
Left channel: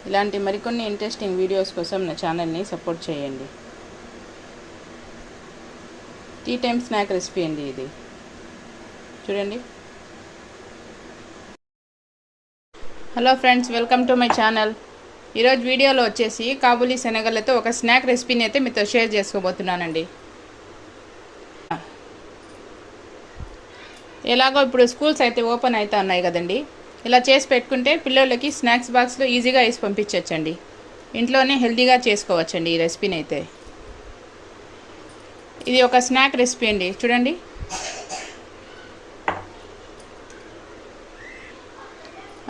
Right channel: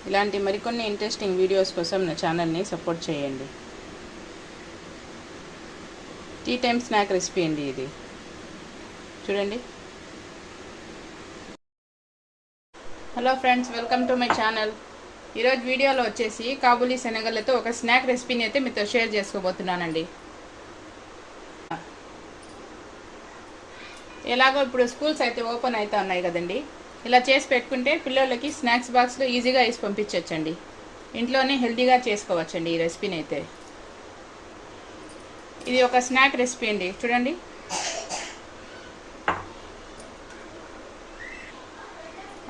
ఇలాంటి మరికొన్ని ఇంట్రెస్టింగ్ వీడియోస్ కోసం నా ఛానల్ని సపోర్ట్ చేయండి. టీ టైమ్ స్నాక్ రెసిపీ అండి ఇది. చూడండి. Hello friends, welcome to my channel. ఈరోజు వీడియోలో వచ్చేసి కాబూలీ శనగలతో ఒక స్నాక్ రెసిపీని అయితే మీతో షేర్ చేసుకోబోతున్నానండి. ఎలాగో ఇప్పుడు స్కూల్స్ అయితే ఓపెన్ అవుతా ఉన్నాయి కదండి. ఇలా చేసి పెట్టుకుంటే పిల్లలకి స్నాక్స్ బాక్స్లో ఈజీగా వేసి పంపించవచ్చండి. ఇంట్లోనే హెల్తీగా చేసుకోవచ్చండి ఈ రెసిపీని అయితే. ఇది ఒక స్నాక్ రెసిపీ అండి. చూడండి,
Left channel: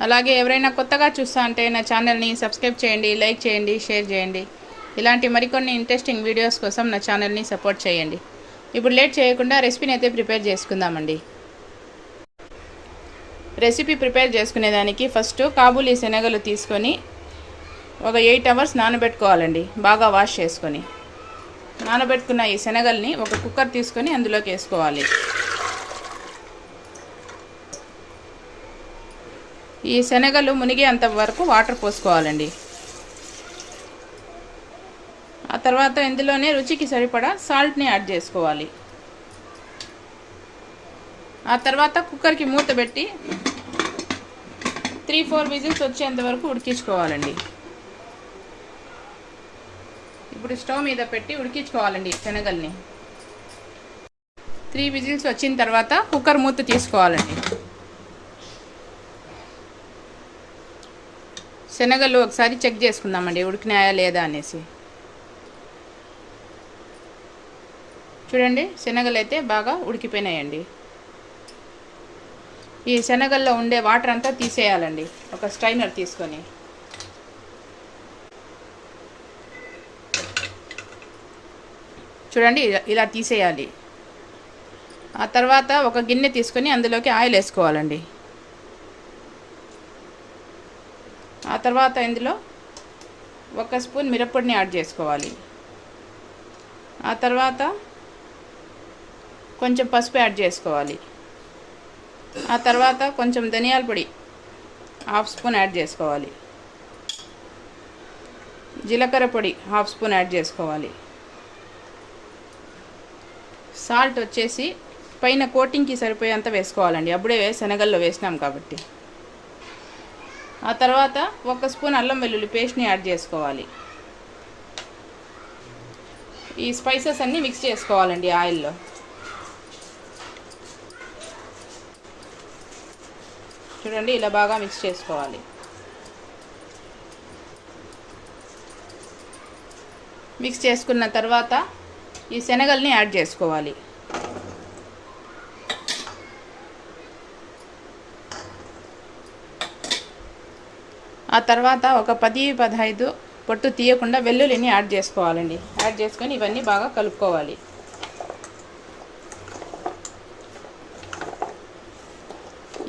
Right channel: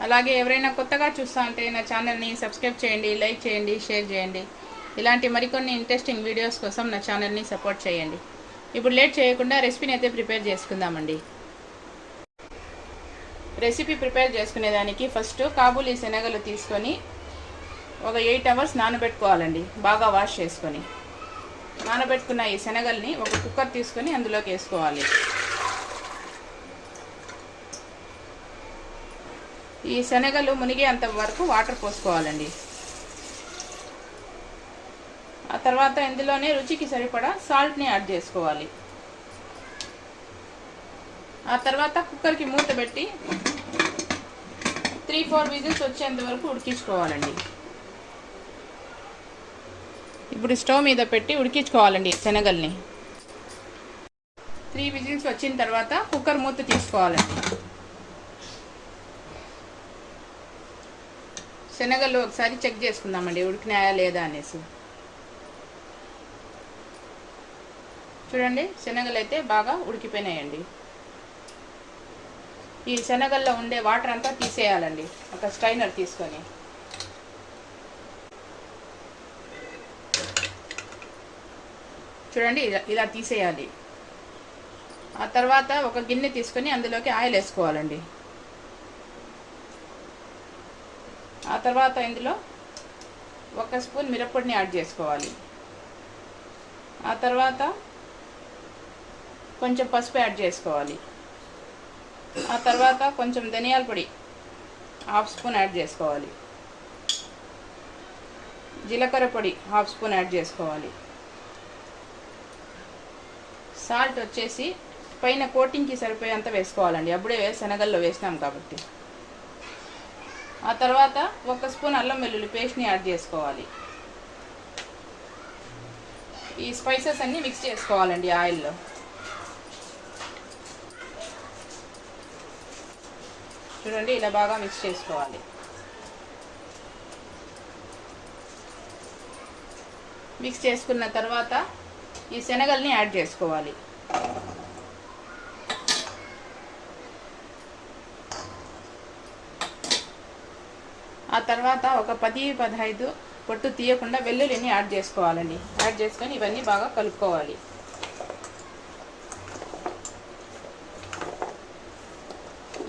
అలాగే ఎవరైనా కొత్తగా చూస్తా అంటే నా ఛానల్ని సబ్స్క్రైబ్ చేయండి, లైక్ చేయండి, షేర్ చేయండి. ఇలాంటి మరికొన్ని ఇంట్రెస్టింగ్ వీడియోస్ కోసం నా ఛానల్ని సపోర్ట్ చేయండి. ఇప్పుడు లేట్ చేయకుండా రెసిపీని అయితే ప్రిపేర్ చేసుకుందామండి. రెసిపీ ప్రిపేర్ చేసుకునేదానికి ఫస్ట్ కాబూలీ శనగలు తీసుకొని ఒక 8 అవర్స్ నానబెట్టుకోవాలండి, బాగా వాష్ చేసుకొని. నానబెట్టుకున్న ఈ శనగల్ని ఒక కుక్కర్ తీసుకొని అందులోకి వేసుకోవాలి. ఈ శనగలు మునిగేంత వరకు వాటర్ పోసుకోవాలండి. ఆ తర్వాత ఇందులోనే రుచికి సరిపడా సాల్ట్ని యాడ్ చేసుకోవాలి. ఆ తర్వాత కుక్కర్కి మూత పెట్టి 3-4 విజిల్స్ వచ్చేంత వరకు ఉడికించుకోవాలండి. ఇప్పుడు స్టవ్ మీద పెట్టి ఉడికించుకోవాలండి శనగల్ని. 3 విజిల్స్ వచ్చిన తర్వాత కుక్కర్ మూత తీసుకోవాలండి. శనగలు ఒకసారి చెక్ చేసుకుందామండి ఉడికినాయా లేదా అనేసి. చూడండి, శనగలు అయితే బాగా ఉడికిపోయినాయండి. ఈ శనగల్లో ఉండే వాటర్ అంతా తీసేయాలండి ఒక స్ట్రైనర్ తీసుకొని. చూడండి, ఇలా తీసేయాలి. ఆ తర్వాత ఒక గిన్నె తీసుకొని అందులోకి ఆయిల్ వేసుకోవాలండి. ఆ తర్వాత ఇందులో 1 స్పూన్ మిరప్పొడిని యాడ్ చేసుకోవాలి. ఆ తర్వాత కొంచెం పసుపు యాడ్ చేసుకోవాలి. ఆ తర్వాత కొంచెం ధనియాల పొడి 1/2 స్పూన్ యాడ్ చేసుకోవాలి. జీలకర్ర పొడి 1/2 స్పూన్ యాడ్ చేసుకోవాలి. సాల్ట్ వచ్చేసి పైన కోటింగ్కి సరిపోయేంత వేసుకోవాలండి, అప్పుడే శనగల్లో వేసినాం కాబట్టి. ఆ తర్వాత 1 స్పూన్ అల్లం వెల్లుల్లి పేస్ట్ని యాడ్ చేసుకోవాలి. ఈ స్పైసెస్ అన్నీ మిక్స్ చేసుకోవాలండి ఆయిల్లో. చూడండి, ఇలా బాగా మిక్స్ చేసుకోవాలి. మిక్స్ చేసుకున్న తర్వాత ఈ శనగల్ని యాడ్ చేసుకోవాలి. ఆ తర్వాత ఒక 10-15 పొట్టు తీయకుండా వెల్లుల్లిని యాడ్ చేసుకోవాలండి. యాడ్ చేసుకొని ఇవన్నీ బాగా కలుపుకోవాలి.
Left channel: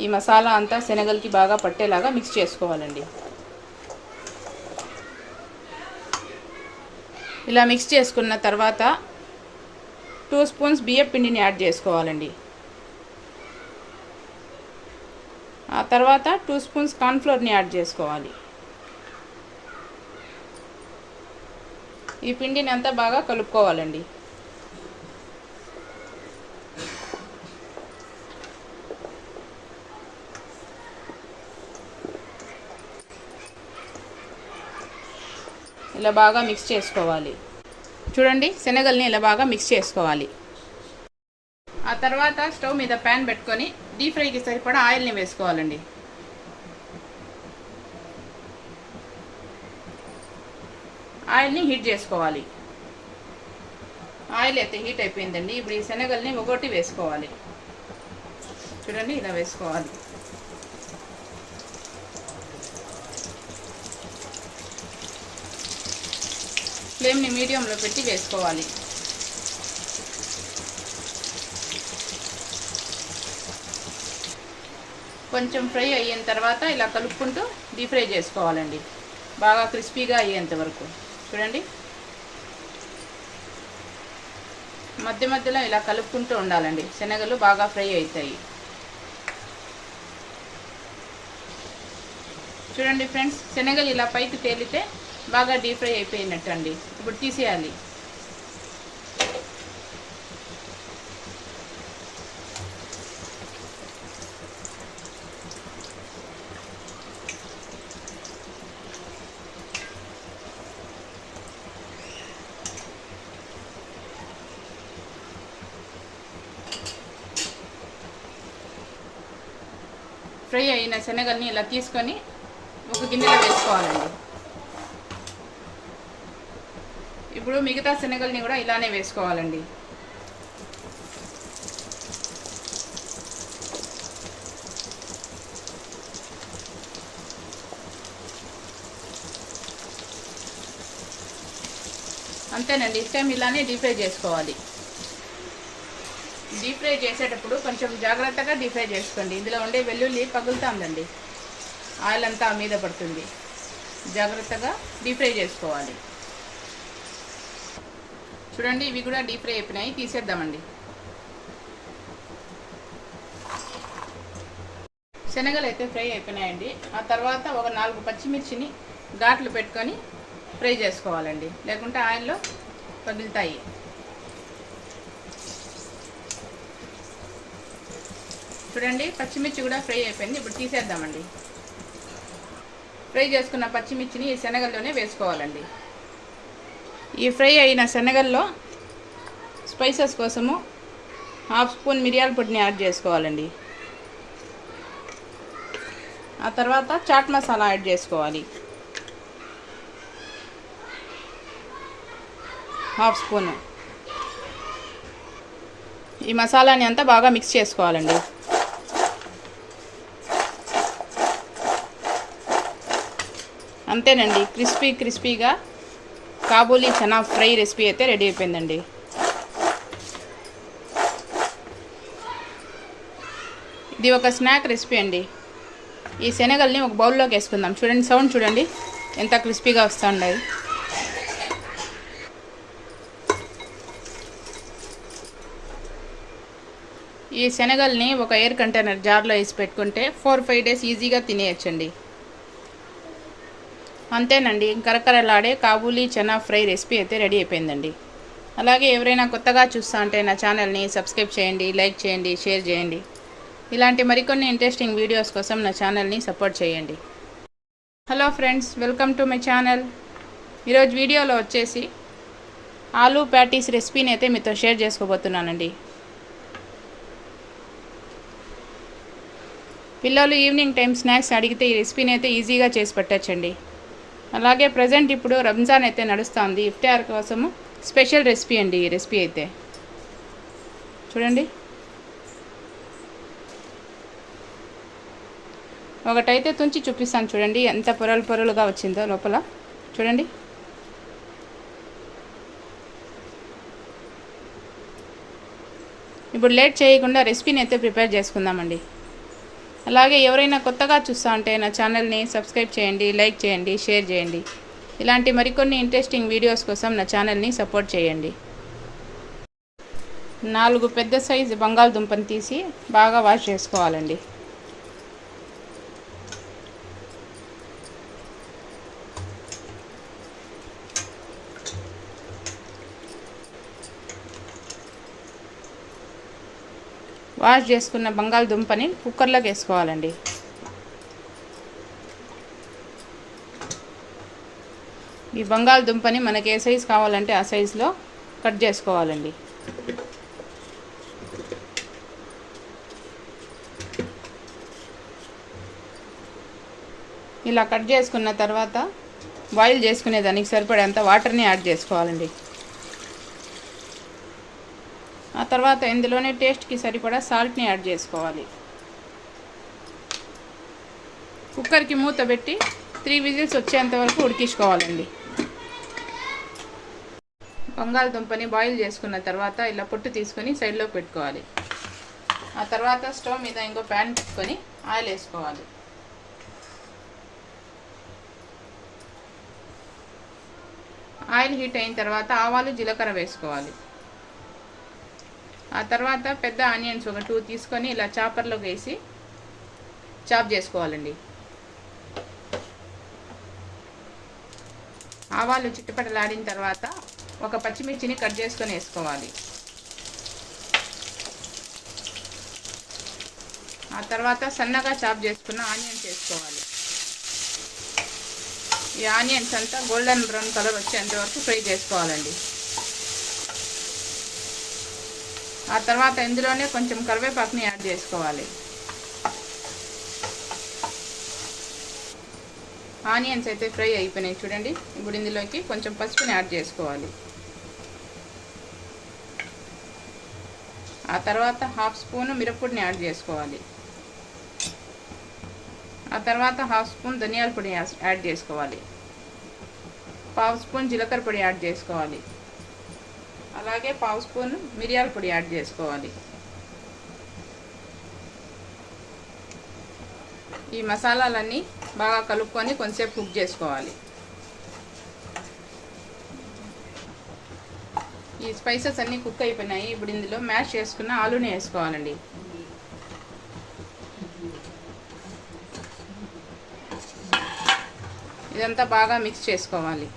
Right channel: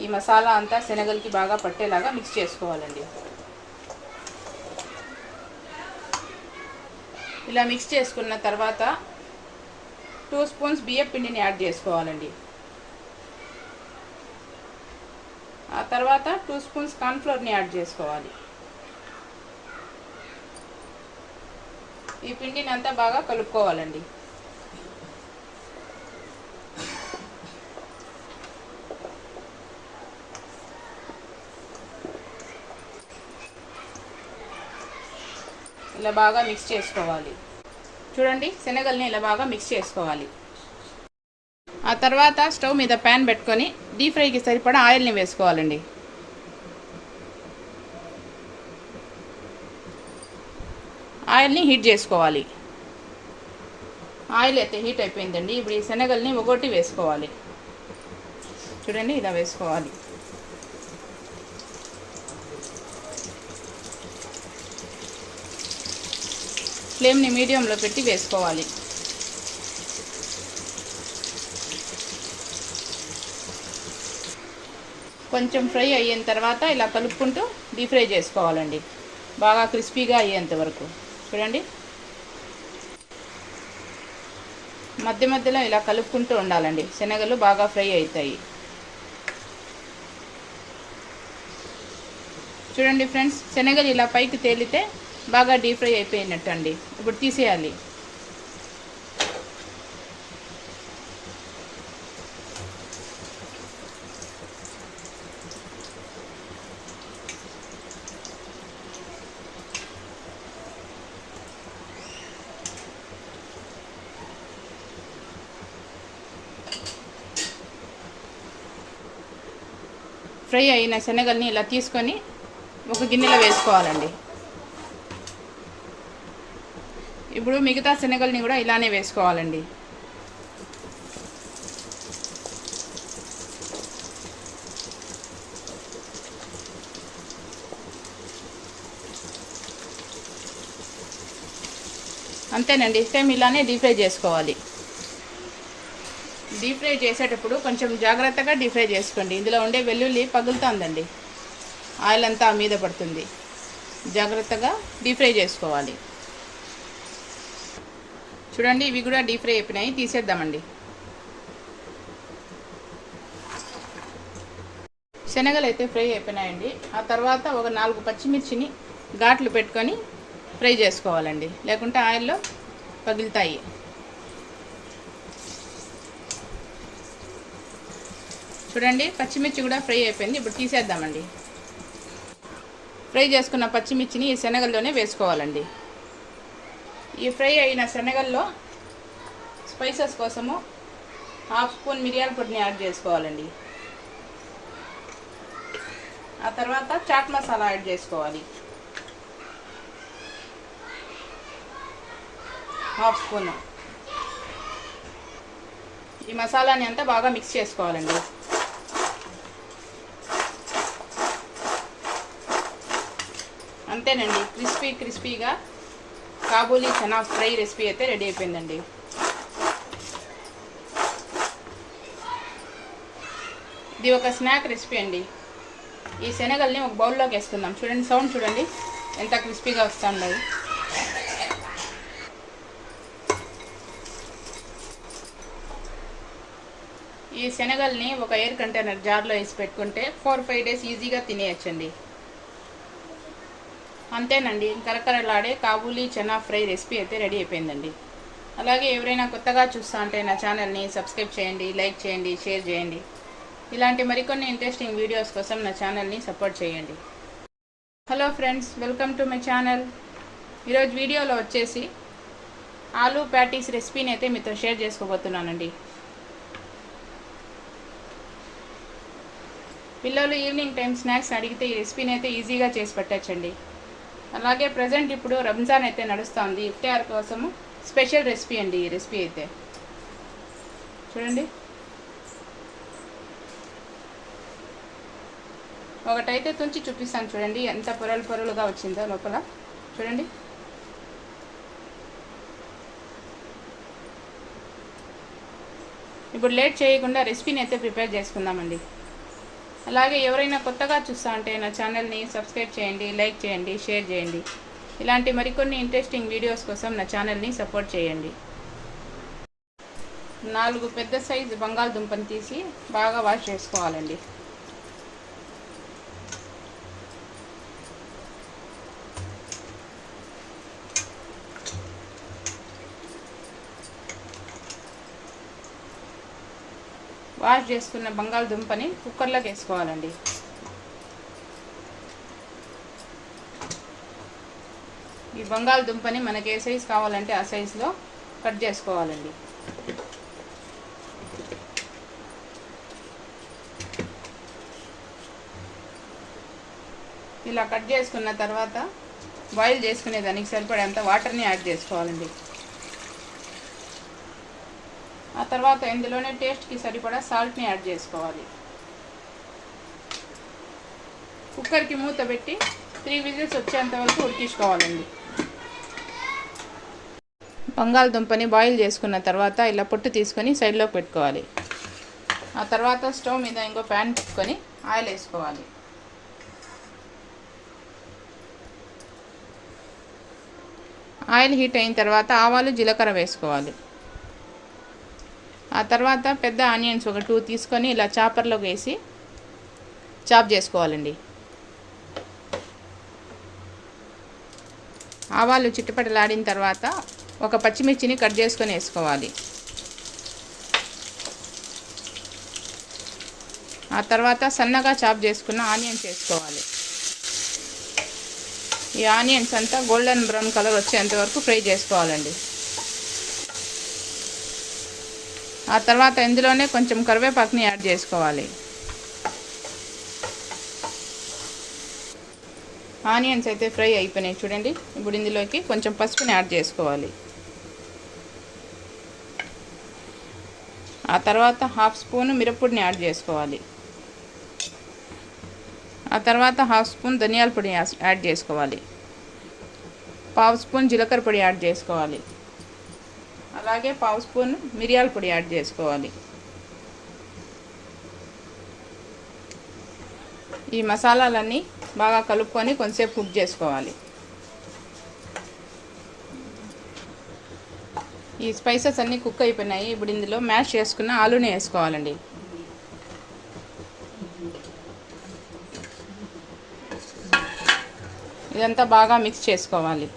ఈ మసాలా అంతా శనగలకి బాగా పట్టేలాగా మిక్స్ చేసుకోవాలండి. ఇలా మిక్స్ చేసుకున్న తర్వాత 2 స్పూన్స్ బియ్యం పిండిని యాడ్ చేసుకోవాలండి. ఆ తర్వాత 2 స్పూన్స్ కార్న్ఫ్లోర్ని యాడ్ చేసుకోవాలి. ఈ పిండిని అంతా బాగా కలుపుకోవాలండి. ఇలా బాగా మిక్స్ చేసుకోవాలి. చూడండి, శనగల్ని ఇలా బాగా మిక్స్ చేసుకోవాలి. ఆ తర్వాత స్టవ్ మీద ప్యాన్ పెట్టుకొని డీప్ ఫ్రైకి సరిపడా ఆయిల్ని వేసుకోవాలండి. ఆయిల్ని హీట్ చేసుకోవాలి. ఆయిల్ అయితే హీట్ అయిపోయిందండి. ఇప్పుడు ఈ శనగల్ని ఒక్కొక్కటి వేసుకోవాలి. చూడండి, ఇలా వేసుకోవాలి. ఫ్లేమ్ని మీడియంలో పెట్టి వేసుకోవాలి. కొంచెం ఫ్రై అయిన తర్వాత ఇలా కలుపుకుంటూ డీప్ ఫ్రై చేసుకోవాలండి, బాగా క్రిస్పీగా అయ్యేంత వరకు. చూడండి, మధ్య మధ్యలో ఇలా కలుపుకుంటూ ఉండాలండి, శనగలు బాగా ఫ్రై అవుతాయి. చూడండి ఫ్రెండ్స్, శనగలు ఇలా పైకి తేలితే బాగా డీప్ ఫ్రై అయిపోయినట్టు అండి. ఇప్పుడు తీసేయాలి. ఫ్రై అయిన శనగల్ని ఇలా తీసుకొని ఒక గిన్నెలో వేసుకోవాలండి. ఇప్పుడు మిగతా శనగల్ని కూడా ఇలానే వేసుకోవాలండి. అంతేనండి, సేమ్ ఇలానే డీప్ ఫ్రై చేసుకోవాలి. డీప్ ఫ్రై చేసేటప్పుడు కొంచెం జాగ్రత్తగా డీప్ ఫ్రై చేసుకోండి. ఇందులో ఉండే వెల్లుల్లి పగులుతుందండి, ఆయిల్ అంతా మీద పడుతుంది. జాగ్రత్తగా డీప్ ఫ్రై చేసుకోవాలి. చూడండి, ఇవి కూడా డీప్ ఫ్రై అయిపోయినాయి, తీసేద్దామండి. శనగలు అయితే ఫ్రై అయిపోయినాయండి. ఆ తర్వాత ఒక 4 పచ్చిమిర్చిని ఘాట్లు పెట్టుకొని ఫ్రై చేసుకోవాలండి, లేకుంటే ఆయిల్లో పగులుతాయి. చూడండి, పచ్చిమిర్చి కూడా ఫ్రై అయిపోయింది. ఇప్పుడు తీసేద్దామండి. ఫ్రై చేసుకున్న పచ్చిమిర్చిని ఈ శనగల్లోనే వేసుకోవాలండి. ఈ ఫ్రై అయిన శనగల్లో స్పైసెస్ కోసము 1/2 స్పూన్ మిరియాల పొడిని యాడ్ చేసుకోవాలండి. ఆ తర్వాత చాట్ మసాలా యాడ్ చేసుకోవాలి, 1/2 స్పూన్. ఈ మసాలాని అంతా బాగా మిక్స్ చేసుకోవాలండి. అంతేనండి, క్రిస్పీగా కాబూలీ చనా ఫ్రై రెసిపీ అయితే రెడీ అయిపోయిందండి. ఇది ఒక స్నాక్ రెసిపీ అండి. ఈ శనగల్ని ఒక బౌల్లోకి వేసుకుందాం. చూడండి, సౌండ్ చూడండి ఎంత క్రిస్పీగా వస్తుంది. ఈ శనగల్ని ఒక ఎయిర్ కంటైనర్ జార్లో వేసి పెట్టుకుంటే 4-5 డేస్ ఈజీగా తినేయచ్చండి. అంతేనండి, కరకరలాడే కాబూలీ చనా ఫ్రై రెసిపీ అయితే రెడీ అయిపోయిందండి. అలాగే ఎవరైనా కొత్తగా చూస్తా అంటే నా ఛానల్ని సబ్స్క్రైబ్ చేయండి, లైక్ చేయండి, షేర్ చేయండి. ఇలాంటి మరికొన్ని ఇంట్రెస్టింగ్ వీడియోస్ కోసం నా ఛానల్ని సపోర్ట్ చేయండి. Hello friends, welcome to my channel. ఈరోజు వీడియోలో వచ్చేసి ఆలూ ప్యాటీస్ రెసిపీని అయితే మీతో షేర్ చేసుకోబోతున్నానండి. పిల్లలు ఈవినింగ్ టైం స్నాక్స్ అడిగితే ఈ రెసిపీని అయితే ఈజీగా చేసి పెట్టచ్చండి. అలాగే ప్రజెంట్ ఇప్పుడు రంజాన్ అయితే నడుస్తుంది. ఇఫ్తార్ కోసము స్పెషల్ రెసిపీ అండి ఈ రెసిపీ అయితే. చూడండి, ఒకటైతే తుంచి చూపిస్తాను. చూడండి ఎంత పొరలుగా వచ్చిందో లోపల. చూడండి, ఇప్పుడు లేట్ చేయకుండా రెసిపీని అయితే ప్రిపేర్ చేసుకుందామండి. అలాగే ఎవరైనా కొత్తగా చూస్తా ఉంటే నా ఛానల్ని సబ్స్క్రైబ్ చేయండి, లైక్ చేయండి, షేర్ చేయండి. ఇలాంటి మరికొన్ని ఇంట్రెస్టింగ్ వీడియోస్ కోసం నా ఛానల్ని సపోర్ట్ చేయండి. 4 పెద్ద సైజు బంగాళదుంపని తీసి బాగా వాష్ చేసుకోవాలండి. వాష్ చేసుకున్న బంగాళదుంపని కుక్కర్లోకి వేసుకోవాలండి. ఈ బంగాళదుంపని మనకి ఏ సైజు కావాలంటే ఆ సైజులో కట్ చేసుకోవాలండి. ఇలా కట్ చేసుకున్న తర్వాత బాయిల్ చేసుకునే దానికి సరిపడేంత వాటర్ని యాడ్ చేసుకోవాలండి. ఆ తర్వాత ఇందులోనే టేస్ట్కి సరిపడా సాల్ట్ని యాడ్ చేసుకోవాలి. కుక్కర్కి మూత పెట్టి 3 విజిల్స్ వచ్చేంత వరకు ఉడికించుకోవాలండి. బంగాళదుంపని బాయిల్ చేసుకున్న తర్వాత ఇలా పొట్టు తీసుకొని సైడ్లో పెట్టుకోవాలి. ఆ తర్వాత స్టవ్ మీద ఇంకో ప్యాన్ పెట్టుకొని ఆయిల్ వేసుకోవాలి. ఆయిల్ హీట్ అయిన తర్వాత ఆవాలు, జీలకర్ర వేసుకోవాలి. ఆ తర్వాత పెద్ద ఆనియన్స్ ఒక 2 తీసుకొని ఇలా చాపర్లోకి వేసి చాప్ చేసుకోవాలండి. ఆవాలు చిట్టపటలాడిన తర్వాత ఒక పచ్చిమిర్చిని కట్ చేసుకొని వేసుకోవాలి. ఆ తర్వాత సన్నగా చాప్ చేసుకున్న ఆనియన్స్ వేసుకోవాలి. ఈ ఆనియన్స్ అంతా గోల్డెన్ బ్రౌన్ కలర్ వచ్చేంత వరకు ఫ్రై చేసుకోవాలండి. ఆ తర్వాత ఇందులోనే కొంచెం కరివేపాకుని యాడ్ చేసుకోవాలి. ఆనియన్స్ అయితే ఫ్రై అయిపోయినాయి చూడండి. ఇప్పుడు ఇందులోకి కొంచెం పసుపుని యాడ్ చేసుకోవాలి. ఆ తర్వాత 1/2 స్పూన్ మిరప్పొడిని యాడ్ చేసుకోవాలి. ఆ తర్వాత 1/2 స్పూన్ ధనియాల పొడి యాడ్ చేసుకోవాలి. 1/2 స్పూన్ జీలకర్ర పొడి యాడ్ చేసుకోవాలి. అలాగే 1/2 స్పూన్ మిరియాల పొడి యాడ్ చేసుకోవాలి. ఈ మసాలాలన్నీ బాగా కలుపుకొని కొంచెంసేపు కుక్ చేసుకోవాలి. ఈ స్పైసెస్ అన్నీ కుక్ అయిపోయినాయి. ఇప్పుడు ఇందులో మ్యాష్ చేసుకున్న ఆలూని వేసుకోవాలండి. ఇదంతా బాగా మిక్స్ చేసుకోవాలి.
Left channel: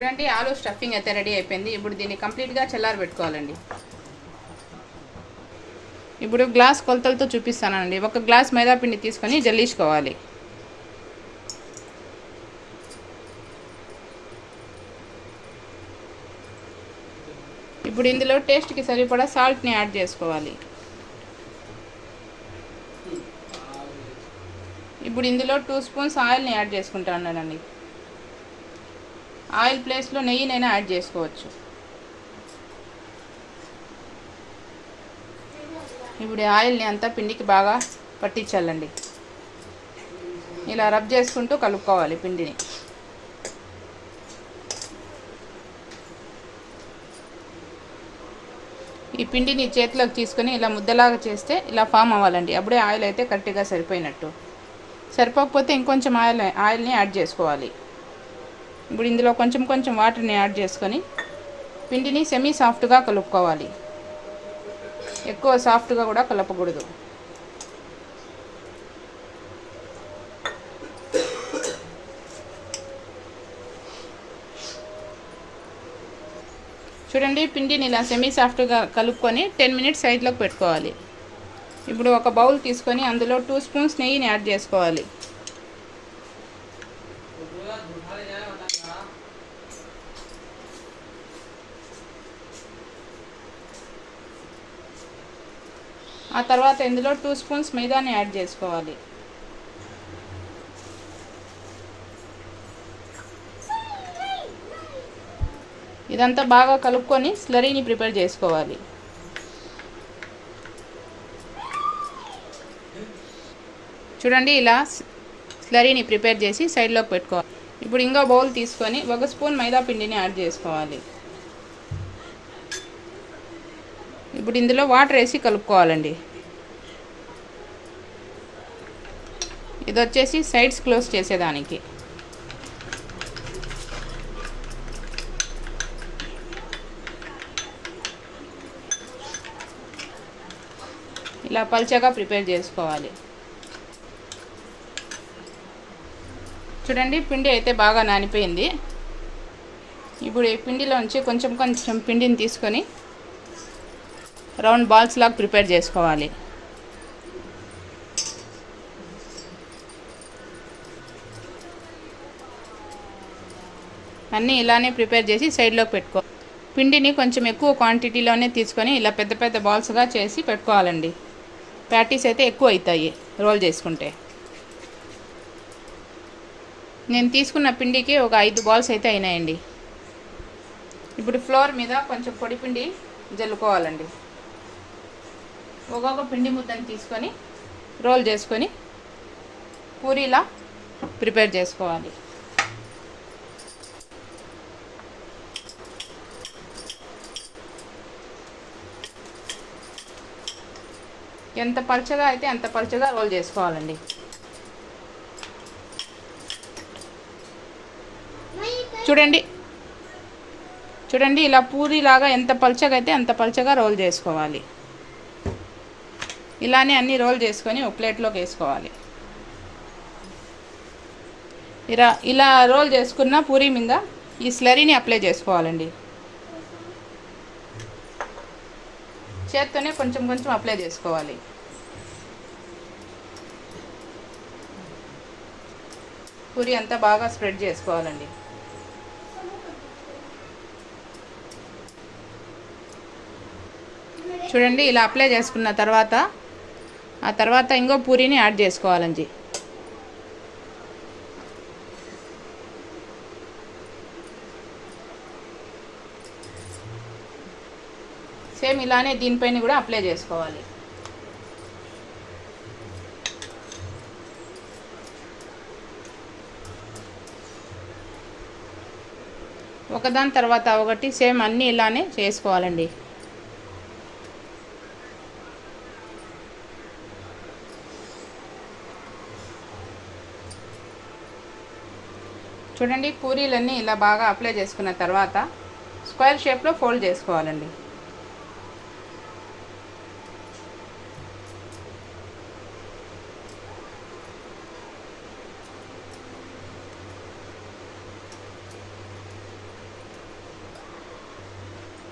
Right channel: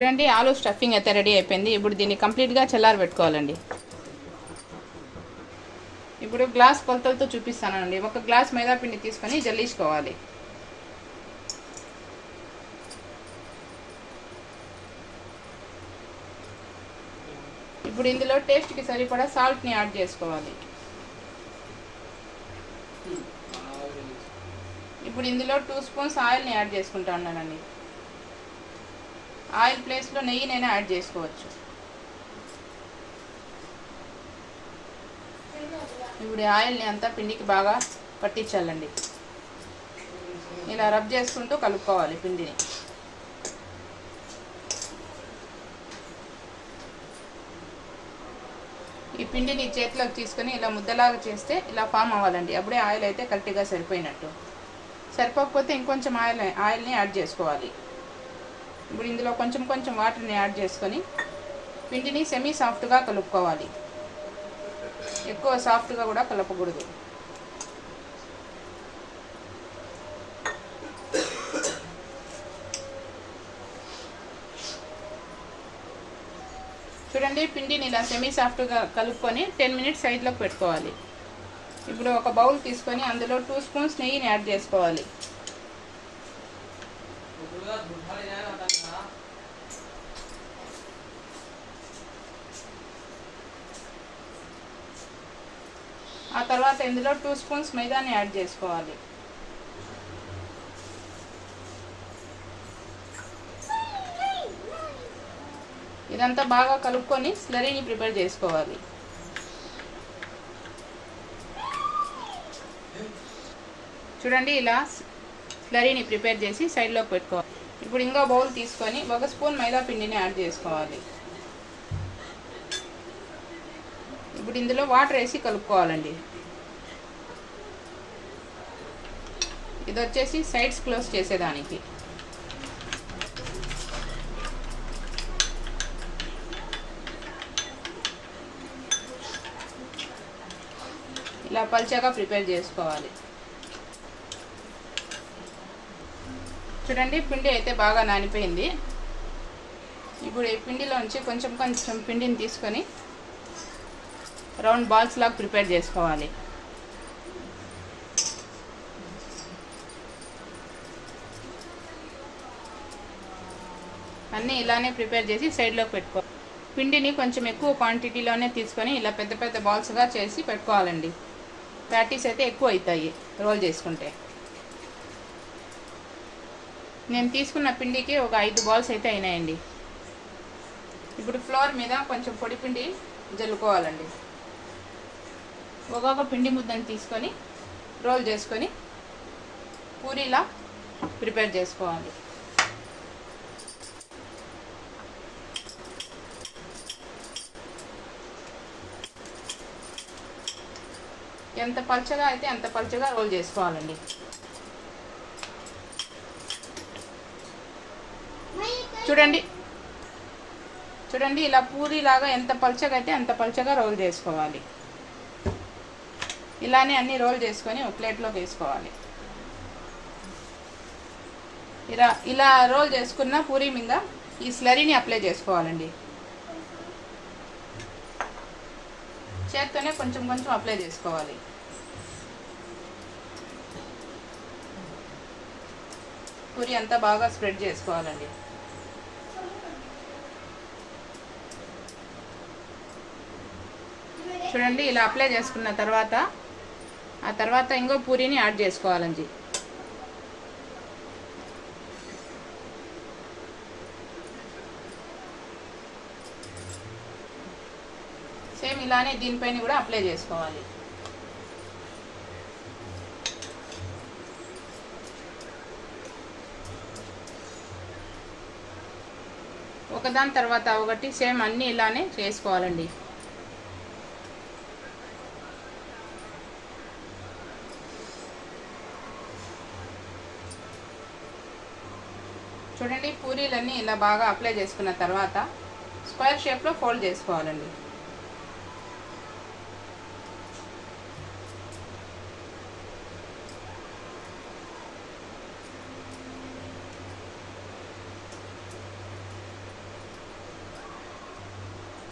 చూడండి, ఆలూ స్టఫింగ్ అయితే రెడీ అయిపోయింది. ఇప్పుడు దీన్ని కంప్లీట్గా చల్లారబెట్టుకోవాలండి. ఇప్పుడు గ్లాస్ కొలతలతో చూపిస్తానండి. ఒక గ్లాస్ మైదా పిండి తీసుకొని జల్లించుకోవాలి. ఇప్పుడు ఇందులో టేస్ట్కి సరిపడా సాల్ట్ని యాడ్ చేసుకోవాలి. ఇప్పుడు ఇందులో 2 స్పూన్స్ ఆయిల్ని యాడ్ చేసుకుంటా ఉన్నానండి. ఆయిల్ ప్లేస్లో నెయ్యినైనా యాడ్ చేసుకోవచ్చు. ఇప్పుడు ఆయిల్ని అంతా పిండికి బాగా పట్టించాలండి. ఇలా రబ్ చేసుకుంటూ కలుపుకోవాలి పిండిని. ఈ పిండిని చేతిలోకి తీసుకొని ఇలా ముద్దలాగా చేస్తే ఇలా ఫామ్ అవ్వాలండి. అప్పుడే ఆయిల్ అయితే కరెక్ట్గా సరిపోయినట్టు. సరిపోకపోతే ఇంకొంచెం ఆయిల్ని యాడ్ చేసుకోవాలి. ఇప్పుడు ఇందులో కొంచెం కొంచెం వాటర్ని యాడ్ చేసుకొని పిండిని సెమీ సాఫ్ట్గా కలుపుకోవాలి. ఎక్కువ సాఫ్ట్గా కూడా కలపకూడదు. చూడండి, పిండిని ఇలా సెమీ సాఫ్ట్గా కలుపుకొని 10 మినిట్స్ సైడ్లోకి పెట్టుకోవాలి. ఇప్పుడు ఒక బౌల్ తీసుకొని అందులో 2 స్పూన్స్ నెయ్యిని యాడ్ చేసుకోవాలి. ఆ తర్వాత ఇందులో 2 స్పూన్స్ మైదాని యాడ్ చేసుకోవాలి. ఇదంతా బాగా కలుపుకొని స్లరీని ప్రిపేర్ చేసుకోవాలి. చూడండి, ఇలా స్లరీని ప్రిపేర్ చేసి సైడ్లోకి పెట్టుకోవాలి. ఇప్పుడు ఇంకో బౌల్ తీసుకొని 1 స్పూన్ మైదా పిండిని యాడ్ చేసుకోవాలి. ఇప్పుడు ఇందులో వాటర్ వేసి కలుపుకోవాలండి. ఇది వచ్చేసి సైడ్స్ క్లోజ్ చేసేదానికి. ఇలా పల్చగా ప్రిపేర్ చేసుకోవాలి. చూడండి, పిండి అయితే బాగా నానిపోయింది. ఇప్పుడు ఈ పిండిలోంచి కొంచెం కొంచెం పిండిని తీసుకొని రౌండ్ బాల్స్ లాగా ప్రిపేర్ చేసుకోవాలి. అన్నీ ఇలానే ప్రిపేర్ చేసి సైడ్లోకి పెట్టుకోవాలి. పిండిని కొంచెం ఎక్కువ క్వాంటిటీలోనే తీసుకొని ఇలా పెద్ద పెద్ద బాల్స్గా చేసి పెట్టుకోవాలండి. ప్యాటీస్ అయితే ఎక్కువ అవుతాయి రోల్ చేసుకుంటే. నేను తీసుకున్న పిండికి ఒక 5 బాల్స్ అయితే అయినాయండి. ఇప్పుడు ఫ్లోర్ మీద కొంచెం పొడి పిండి జల్లుకోవాలండి. ఒక్కొక్క పిండి ముద్దని తీసుకొని రోల్ చేసుకొని పూరీలా ప్రిపేర్ చేసుకోవాలి. ఎంత పల్చగా అయితే అంత పల్చగా రోల్ చేసుకోవాలండి. చూడండి, ఇలా పూరీలాగా ఎంత పల్చగా అయితే అంత పల్చగా రోల్ చేసుకోవాలి. ఇలానే అన్ని రోల్ చేసుకొని ఒక ప్లేట్లోకి వేసుకోవాలి. ఇలా రోల్ చేసుకున్న పూరీ మీద ఈ స్లరీని అప్లై చేసుకోవాలండి. చేత్తోనే కొంచెం కొంచెం అప్లై చేసుకోవాలి. పూరీ అంతా బాగా స్ప్రెడ్ చేసుకోవాలండి. చూడండి, ఇలా అప్లై చేసుకున్న తర్వాత ఆ తర్వాత ఇంకో పూరీని యాడ్ చేసుకోవాలండి. సేమ్ ఇలానే దీనిపైన కూడా అప్లై చేసుకోవాలి. ఒకదాని తర్వాత ఒకటి సేమ్ అన్నీ ఇలానే చేసుకోవాలండి. చూడండి, పూరీలన్నీ ఇలా బాగా అప్లై చేసుకున్న తర్వాత స్క్వేర్ షేప్లో ఫోల్డ్ చేసుకోవాలండి.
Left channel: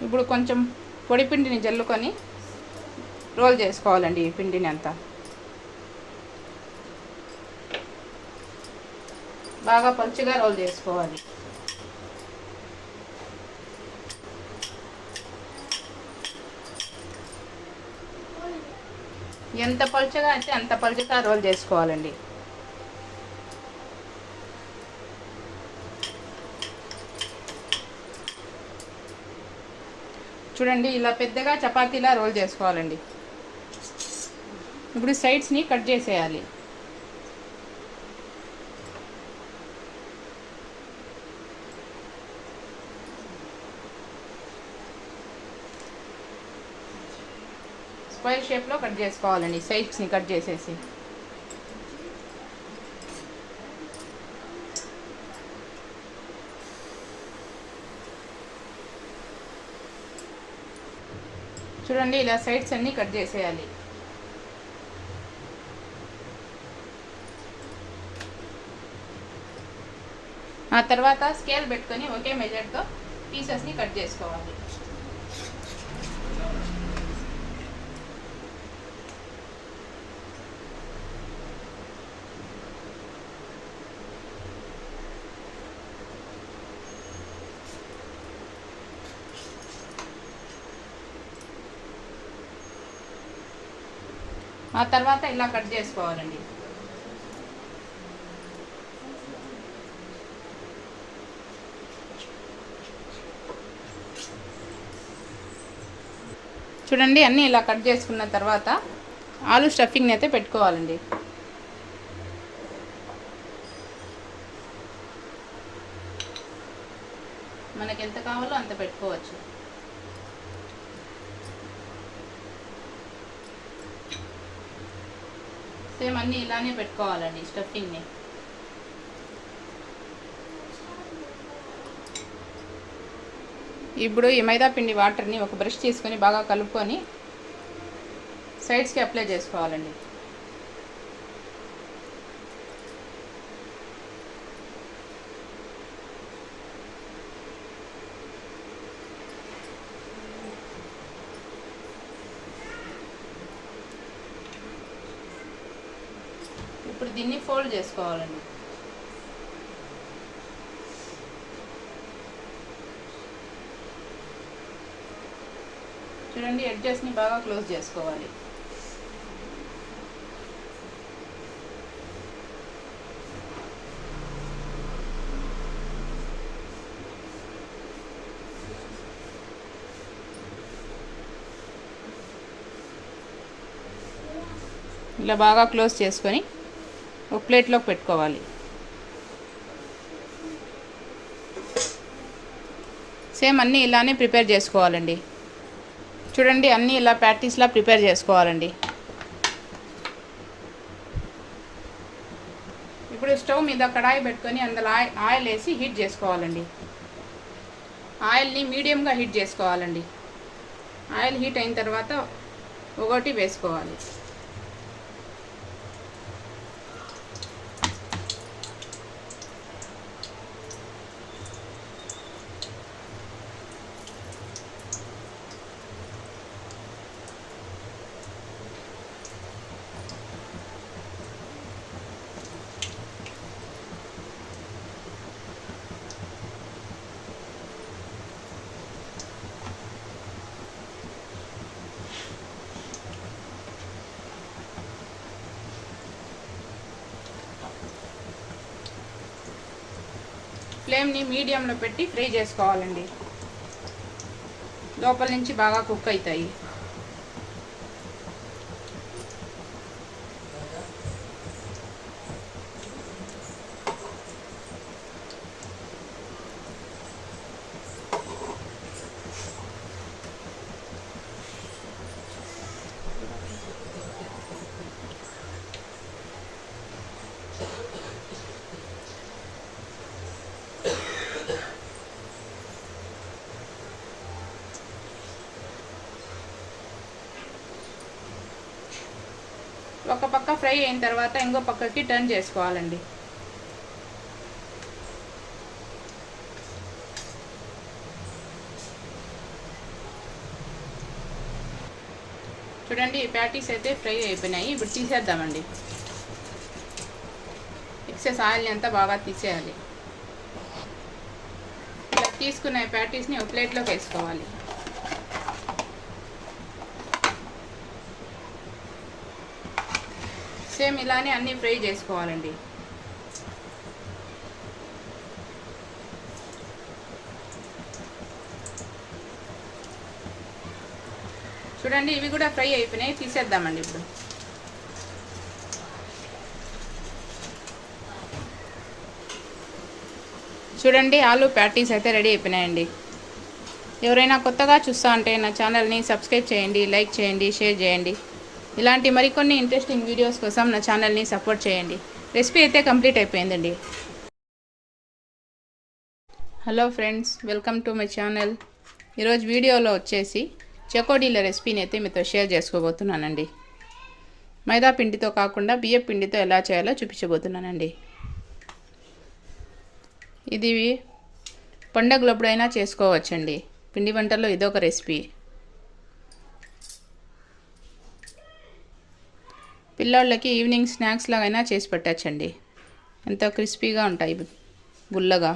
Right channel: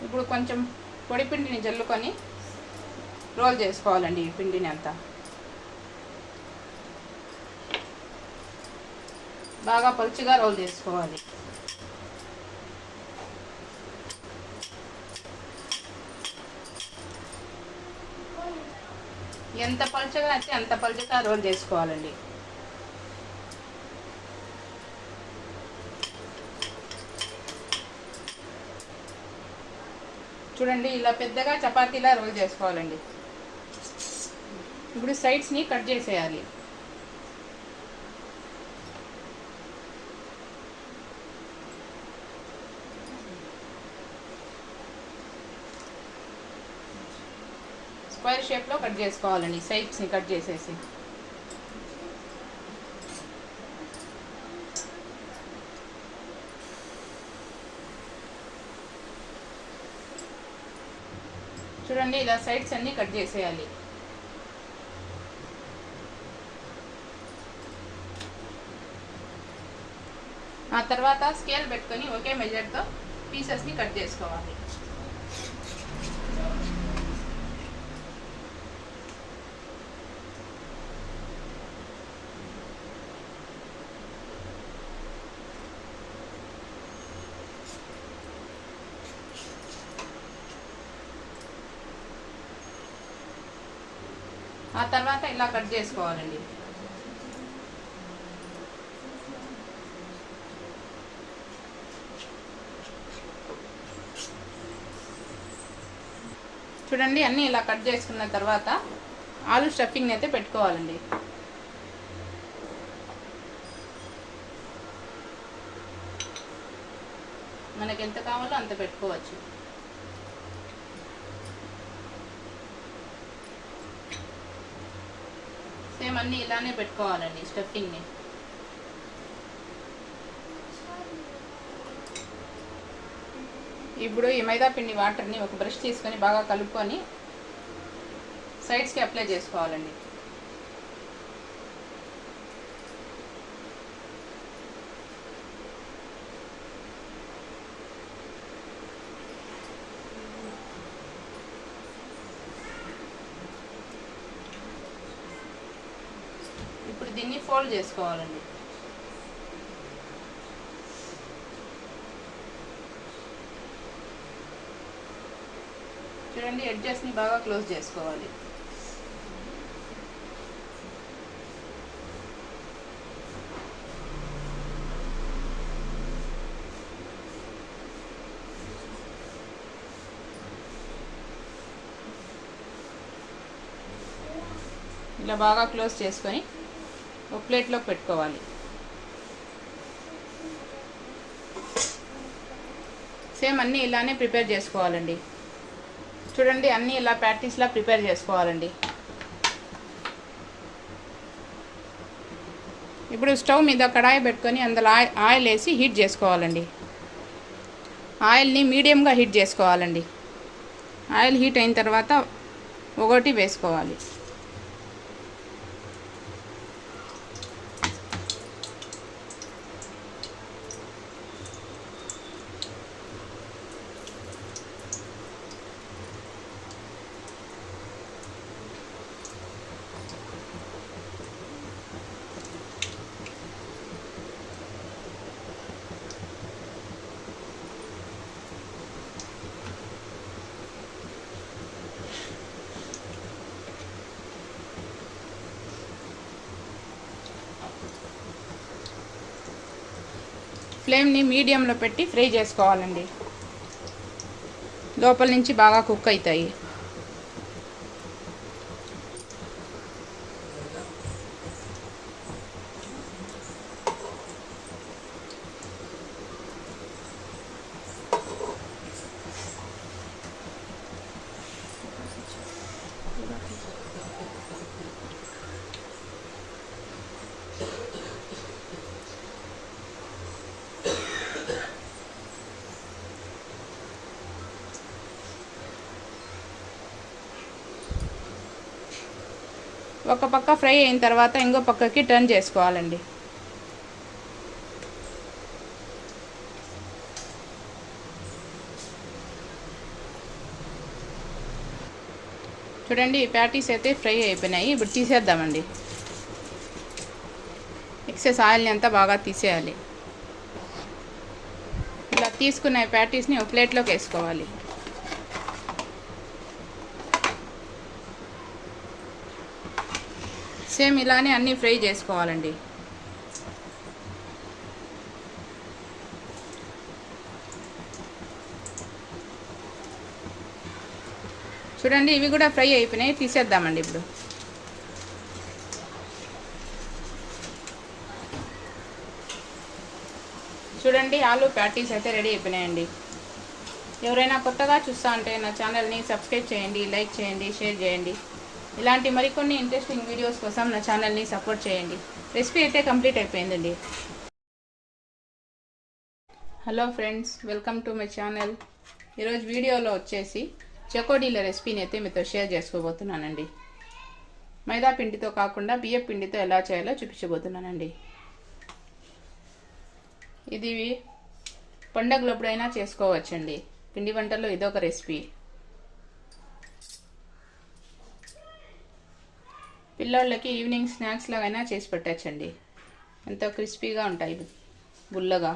ఇప్పుడు కొంచెం పొడి పిండిని జల్లుకొని రోల్ చేసుకోవాలండి. ఈ పిండిని అంతా బాగా పలుచగా రోల్ చేసుకోవాలి. ఎంత పలుచగా అయితే అంత పలుచగా రోల్ చేసుకోవాలండి. చూడండి, ఇలా పెద్దగా చపాతీలా రోల్ చేసుకోవాలండి. ఇప్పుడు సైడ్స్ని కట్ చేసేయాలి. స్క్వేర్ షేప్లో కట్ చేసుకోవాలండి, సైడ్స్ని కట్ చేసేసి. చూడండి, ఇలా సైడ్స్ అన్నీ కట్ చేసేయాలి. ఆ తర్వాత స్కేల్ పెట్టుకొని ఒకే మెజర్తో పీసెస్ని కట్ చేసుకోవాలి. ఆ తర్వాత ఇలా కట్ చేసుకోవాలండి. చూడండి, అన్నీ ఇలా కట్ చేసుకున్న తర్వాత ఆలు స్టఫింగ్ అయితే పెట్టుకోవాలండి. మనకి ఎంత కావాలో అంత పెట్టుకోవచ్చు. సేమ్ అన్నీ ఇలానే పెట్టుకోవాలండి స్టఫింగ్ని. ఇప్పుడు ఈ మైదా పిండి వాటర్ని ఒక బ్రష్ తీసుకొని బాగా కలుపుకొని సైడ్స్కి అప్లై చేసుకోవాలండి. ఇప్పుడు దీన్ని ఫోల్డ్ చేసుకోవాలండి. చూడండి, ఎడ్జెస్ని బాగా క్లోజ్ చేసుకోవాలి. ఇలా బాగా క్లోజ్ చేసుకొని ఒక ప్లేట్లోకి పెట్టుకోవాలి. సేమ్ అన్నీ ఇలానే ప్రిపేర్ చేసుకోవాలండి. చూడండి, అన్నీ ఇలా ప్యాటీస్లా ప్రిపేర్ చేసుకోవాలండి. ఇప్పుడు స్టవ్ మీద కడాయి పెట్టుకొని అందులో ఆయిల్ వేసి హీట్ చేసుకోవాలండి. ఆయిల్ని మీడియంగా హీట్ చేసుకోవాలండి. ఆయిల్ హీట్ అయిన తర్వాత ఒకటి వేసుకోవాలి. ఫ్లేమ్ని మీడియంలో పెట్టి ఫ్రై చేసుకోవాలండి. లోపల నుంచి బాగా కుక్ అవుతాయి. ఒక పక్క ఫ్రై అయిన తర్వాత ఇంకో పక్కకి టర్న్ చేసుకోవాలండి. చూడండి ఈ ప్యాటీస్ అయితే ఫ్రై అయిపోయినాయి. ఇప్పుడు తీసేద్దామండి. ఎక్సెస్ ఆయిల్ని అంతా బాగా తీసేయాలి. ఇలా తీసుకున్న ప్యాటీస్ని ఒక ప్లేట్లోకి వేసుకోవాలి. సేమ్ ఇలానే అన్నీ ఫ్రై చేసుకోవాలండి. చూడండి ఇవి కూడా ఫ్రై అయిపోయినాయి. తీసేద్దామండి ఇప్పుడు. చూడండి ఆలూ ప్యాటీస్ అయితే రెడీ అయిపోయినాయండి. ఎవరైనా కొత్తగా చూస్తా ఉంటే నా ఛానల్ని సబ్స్క్రైబ్ చేయండి, లైక్ చేయండి, షేర్ చేయండి. ఇలాంటి మరికొన్ని ఇంట్రెస్టింగ్ వీడియోస్ కోసం నా ఛానల్ని సపోర్ట్ చేయండి. రెసిపీ అయితే కంప్లీట్ అయిపోయిందండి. Hello friends, welcome to my channel. ఈరోజు వీడియోలో వచ్చేసి చకోడీల రెసిపీని అయితే మీతో షేర్ చేసుకోబోతున్నానండి. మైదా పిండితో కాకుండా బియ్యం పిండితో ఎలా చేయాలో చూపించబోతున్నానండి. ఇది పండగలప్పుడైనా చేసుకోవచ్చండి. పిండి వంటల్లో ఇదొక రెసిపీ. పిల్లోళ్ళకి ఈవినింగ్ స్నాక్స్ లాగైనా చేసి పెట్టచ్చండి. ఎంతో క్రిస్పీగా ఉంటాయి, గుల్లగా.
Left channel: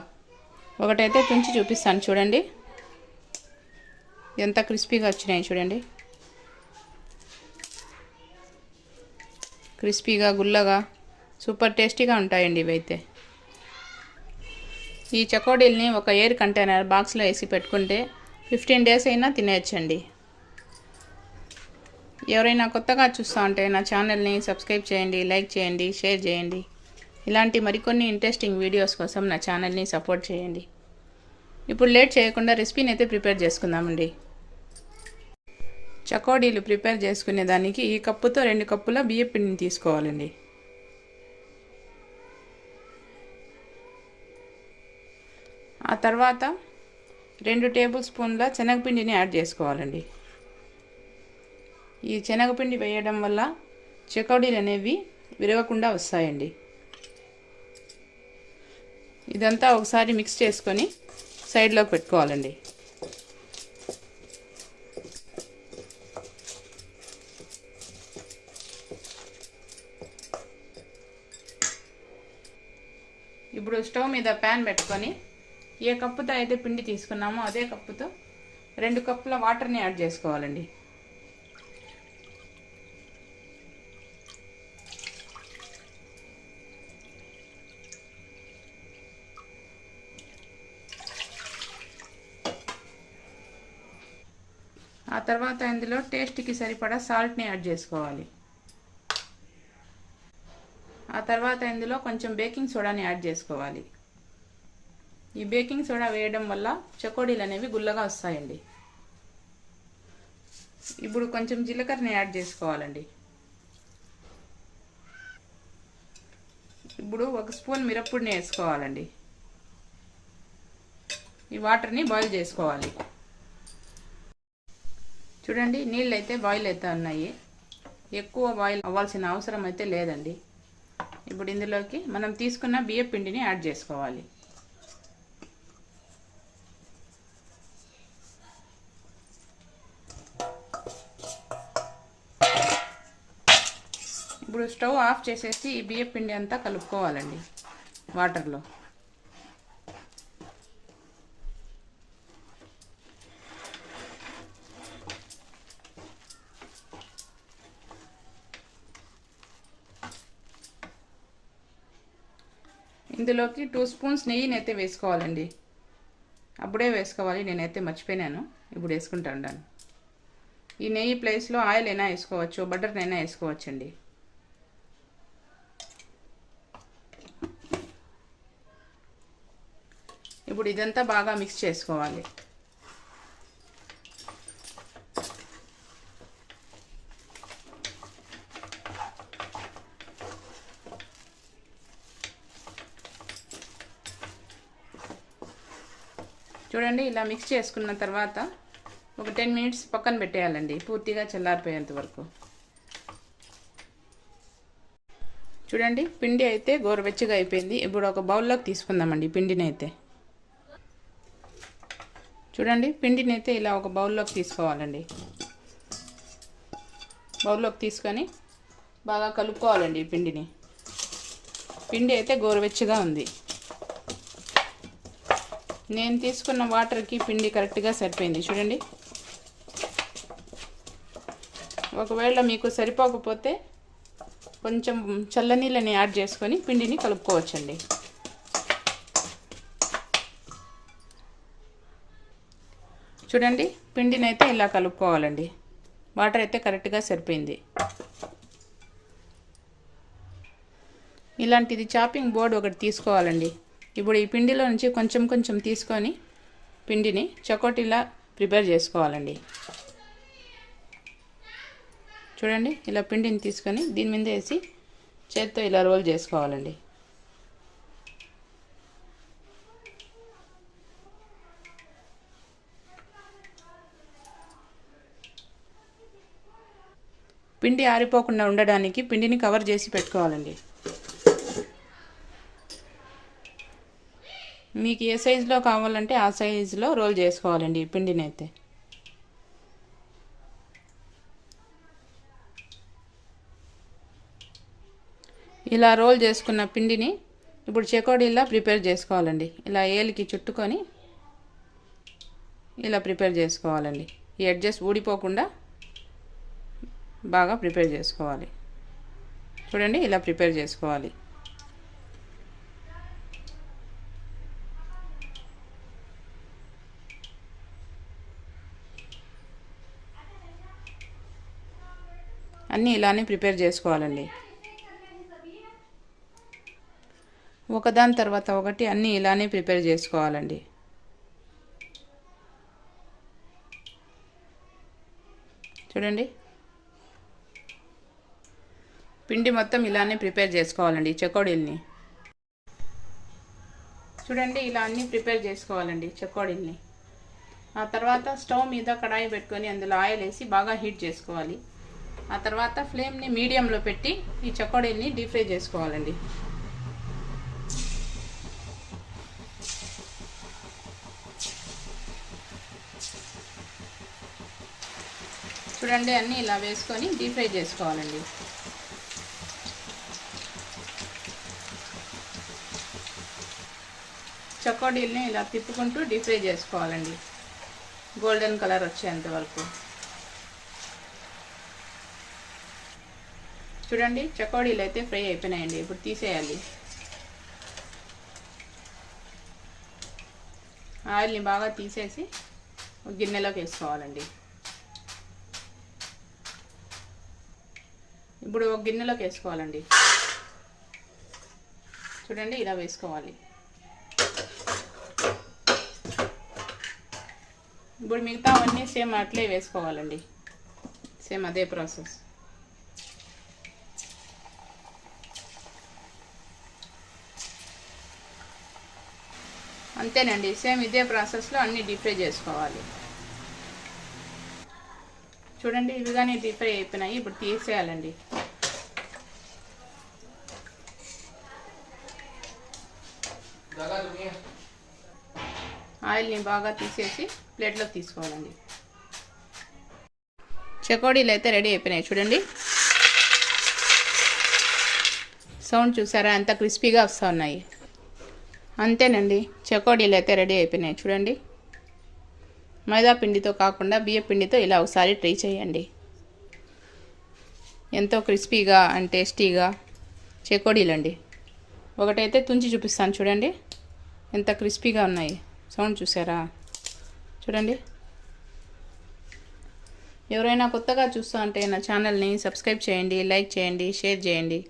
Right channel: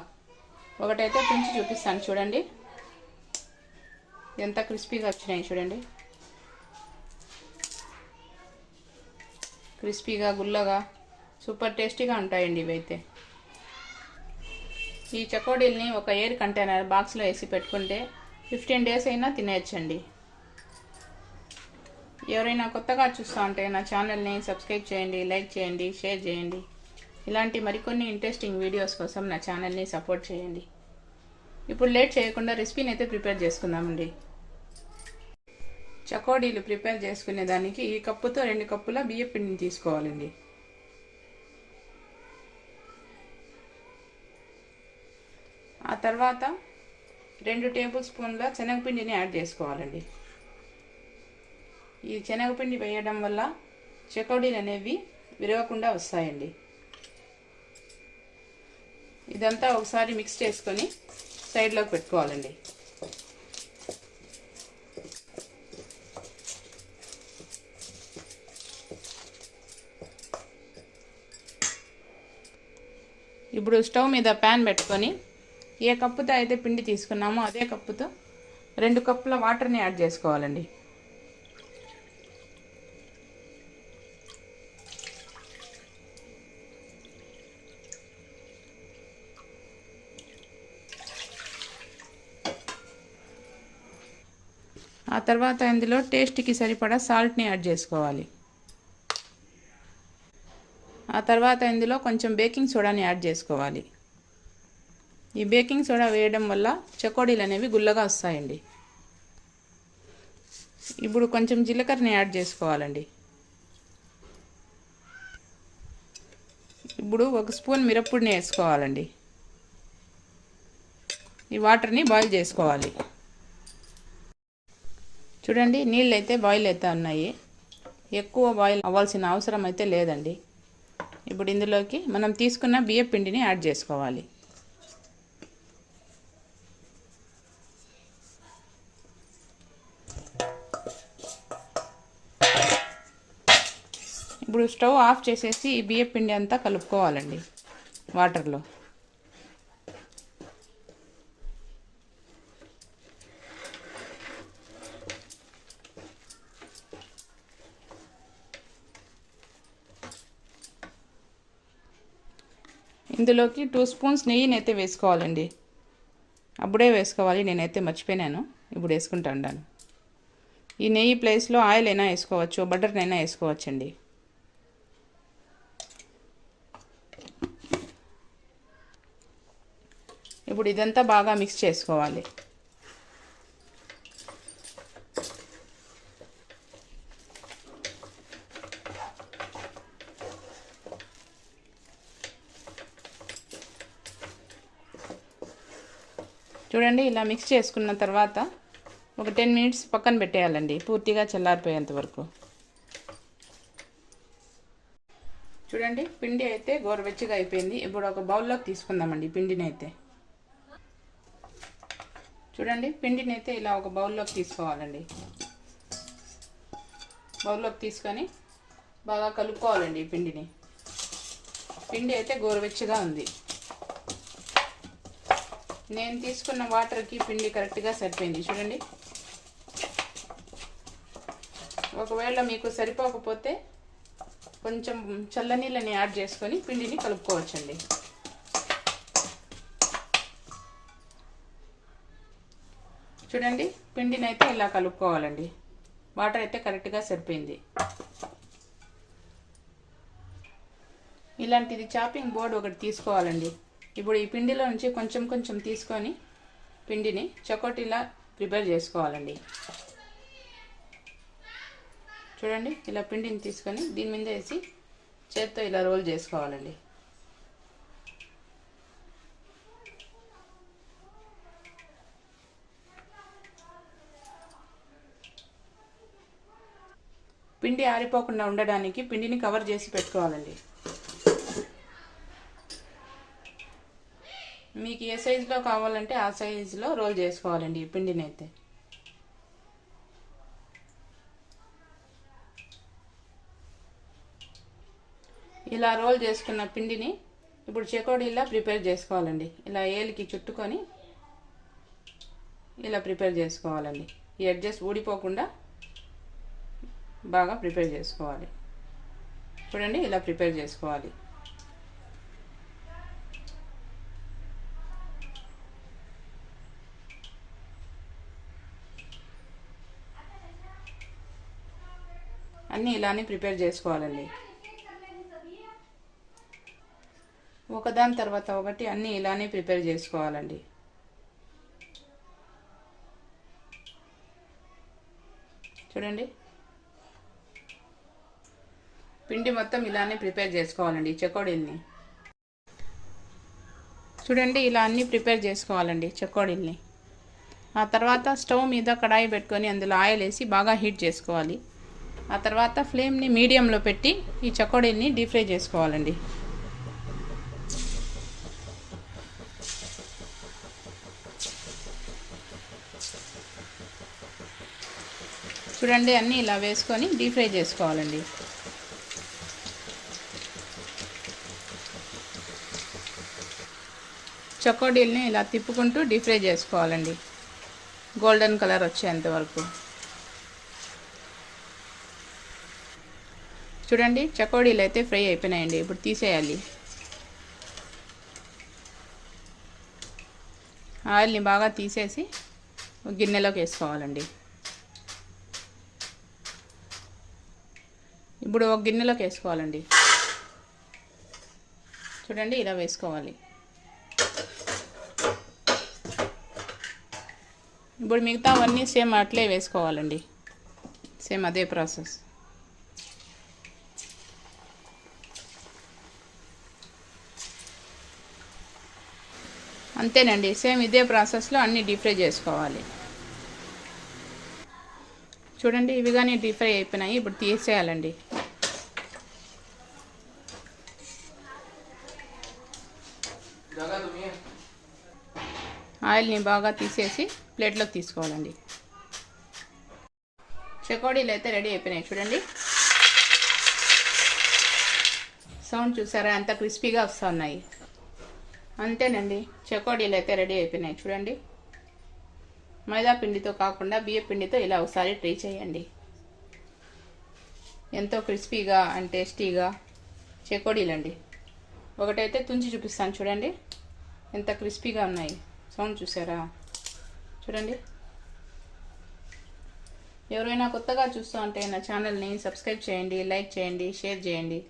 ఒకటైతే తుంచి చూపిస్తాను చూడండి. ఎంత క్రిస్పీగా వచ్చినాయి చూడండి. క్రిస్పీగా, గుల్లగా, సూపర్ టేస్టీగా ఉంటాయండి ఇవైతే. ఈ చకోడీల్ని ఒక ఎయిర్ కంటైనర్ బాక్స్లో వేసి పెట్టుకుంటే 15 days అయినా తినేయచ్చండి. ఎవరైనా కొత్తగా చూస్తూ ఉంటే నా ఛానల్ని సబ్స్క్రైబ్ చేయండి, లైక్ చేయండి, షేర్ చేయండి. ఇలాంటి మరికొన్ని ఇంట్రెస్టింగ్ వీడియోస్ కోసం నా ఛానల్ని సపోర్ట్ చేయండి. ఇప్పుడు లేట్ చేయకుండా రెసిపీని అయితే ప్రిపేర్ చేసుకుందామండి. చకోడీలు ప్రిపేర్ చేసుకునే దానికి ఈ కప్పుతో 2 కప్పుల బియ్యం పిండిని తీసుకోవాలండి. ఆ తర్వాత 2 టేబుల్ స్పూన్ల శనగపిండిని యాడ్ చేసుకోవాలండి. ఈ శనగపిండి వేయడం వల్ల చకోడీలు అనేవి విరగకుండా వస్తాయండి. ఇదంతా ఒకసారి మిక్స్ చేసుకొని సైడ్లోకి పెట్టుకోవాలండి. ఇప్పుడు స్టవ్ మీద ప్యాన్ పెట్టుకొని ఏ కప్పుతో అయితే పిండి తీసుకున్నామో అదే కప్పుతో 2 కప్పుల వాటర్ని యాడ్ చేసుకోవాలండి. ఆ తర్వాత ఇందులో టేస్ట్కి సరిపడా సాల్ట్ని యాడ్ చేసుకోవాలి. ఆ తర్వాత ఇందులో కొంచెం బేకింగ్ సోడాని యాడ్ చేసుకోవాలి. ఈ బేకింగ్ సోడా వేయడం వల్ల చకోడీలు అనేవి గుల్లగా వస్తాయండి. ఇప్పుడు కొంచెం జీలకర్రని యాడ్ చేసుకోవాలండి. ఇప్పుడు 1 స్పూన్ మిరప్పొడిని వేసుకోవాలండి. ఈ వాటర్ని బాయిల్ చేసుకోవాలి. చూడండి నీళ్ళు అయితే బాయిల్ అవుతా ఉన్నాయి. ఎక్కువ బాయిల్ అవ్వాల్సిన అవసరం అయితే లేదండి. ఇప్పుడు ఇందులోకి మనం తీసుకున్న బియ్యం పిండిని యాడ్ చేసుకోవాలి. ఇప్పుడు స్టవ్ ఆఫ్ చేసేసి ఈ బియ్యం పిండి అంతా కలుపుకోవాలండి వాటర్లో. ఇందులోకి 2 స్పూన్స్ నెయ్యిని అయితే వేసుకోవాలండి. అప్పుడే వేసుకోవాలి, నేనైతే మర్చిపోయినాను. ఇప్పుడు వేసుకుంటా ఉన్నాను. ఈ నెయ్యి ప్లేస్లో ఆయిల్ అయినా వేసుకోవచ్చు, బటర్నైనా వేసుకోవచ్చండి. ఇప్పుడు ఇదంతా బాగా మిక్స్ చేసుకోవాలి. చూడండి ఇలా మిక్స్ చేసుకున్న తర్వాత ఒక 10 minutes పక్కన పెట్టేయాలండి, పూర్తిగా చల్లారిపోయేంత వరకు. చూడండి పిండి అయితే గోరువెచ్చగా అయిపోయింది. ఇప్పుడు ఒక బౌల్లోకి తీసుకుందామండి పిండిని అయితే. చూడండి పిండిని అయితే ఇలా ఒక బౌల్లోకి తీసుకోవాలండి. బౌల్లోకి తీసుకొని బాగా కలుపుకోవాలండి ఈ పిండిని. పిండి అయితే గోరువెచ్చగా ఉంది. నేను తీసుకున్న వాటర్కి పిండి కరెక్ట్గా సరిపోయింది. చూడండి, ఒకవేళ మీకు సరిపోకపోతే కొంచెం చల్లనీళ్ళని యాడ్ చేసుకొని పిండిని కలుపుకోవచ్చండి. చూడండి పిండిని అయితే ఇలా కలుపుకోవాలండి. వాటర్ అయితే కరెక్ట్గా సరిపోయింది. ఇలాంటిది చాపింగ్ బోర్డు ఒకటి తీసుకోవాలండి. ఇప్పుడు ఈ పిండిలో నుంచి కొంచెం కొంచెం తీసుకొని పిండిని చకోటీలా ప్రిపేర్ చేసుకోవాలండి. చూడండి ఇలా పిండిని తీసుకొని దీని మీద వేసి చేత్తో ఇలా రోల్ చేసుకోవాలండి. పిండి ఆరిపోకుండా ఉండడానికి పిండిని కవర్ చేసి పెట్టుకోవాలండి. మీకు ఏ సైజులో కావాలంటే ఆ సైజులో రోల్ చేసుకోవాలండి ఈ పిండిని అయితే. ఇలా రోల్ చేసుకున్న పిండిని ఇప్పుడు చెకోడీలా ప్రిపేర్ చేసుకోవాలండి. ఇలా ఏలికి చుట్టుకొని ఇలా ప్రిపేర్ చేసుకోవాలండి. ఈ ఎడ్జెస్ ఊడిపోకుండా బాగా ప్రిపేర్ చేసుకోవాలి. చూడండి ఇలా ప్రిపేర్ చేసుకోవాలి. అన్నీ ఇలానే ప్రిపేర్ చేసుకోవాలండి. ఒకదాని తర్వాత ఒకటి అన్నీ ఇలానే ప్రిపేర్ చేసుకోవాలండి. చూడండి పిండి మొత్తం ఇలానే ప్రిపేర్ చేసుకోవాలండి చెకోడీల్ని. చూడండి ఇలా అన్నీ ప్రిపేర్ చేసుకోవాలండి చెకోడీల్ని. ఆ తర్వాత స్టవ్ మీద కడాయి పెట్టుకొని అందులో ఆయిల్ వేసి బాగా హీట్ చేసుకోవాలి. ఆ తర్వాత ఫ్లేమ్ని మీడియంలో పెట్టి ఈ చకోడీల్ని డీప్ ఫ్రై చేసుకోవాలండి. చూడండి అన్నీ ఇలా వేసుకొని డీప్ ఫ్రై చేసుకోవాలండి. చకోడీల్ని ఇలా తిప్పుకుంటూ డీప్ ఫ్రై చేసుకోవాలండి గోల్డెన్ కలర్ వచ్చేంత వరకు. చూడండి చకోడీలు అయితే ఫ్రై అయిపోయినాయండి. ఇప్పుడు తీసేయాలి. ఆయిల్ని బాగా తీసేసి గిన్నెలోకి వేసుకోవాలండి. ఇప్పుడు ఒక గిన్నెలోకి వేసుకోవాలండి. చూడండి ఇలా వేసుకోవాలి. ఇప్పుడు మిగతా అవన్నీ సేమ్ అట్లే వేసుకోవాలండి. సేమ్ అదే ప్రాసెస్. అంతేనండి, సేమ్ ఇదే ప్రాసెస్లో అన్నీ డీప్ ఫ్రై చేసుకోవాలి. చూడండి ఇవి కానీ డీప్ ఫ్రై అయిపోయినాయి. ఇప్పుడు తీసేయాలండి. ఆయిల్ని బాగా తీసేసి ప్లేట్లోకి తీసుకోవాలండి. చకోడీలు అయితే రెడీ అయిపోయినాయి. చూడండి సౌండ్ చూసారా ఎంత క్రిస్పీగా వస్తూ ఉన్నాయి. అంతేనండి, చకోడీలు అయితే రెడీ అయిపోయినాయి. చూడండి మైదా పిండితో కాకుండా బియ్య పిండితో ఇలా ఒకసారి ట్రై చేయండి. ఎంతో క్రిస్పీగా అండ్ టేస్టీగా చకోడీలండి. ఒకటైతే తుంచి చూపిస్తాను. చూడండి ఎంత క్రిస్పీగా ఉన్నాయి. సౌండ్ చూసారా? చూడండి. ఎవరైనా కొత్తగా చూస్తూ ఉంటే నా ఛానల్ని సబ్స్క్రైబ్ చేయండి, లైక్ చేయండి, షేర్ చేయండి.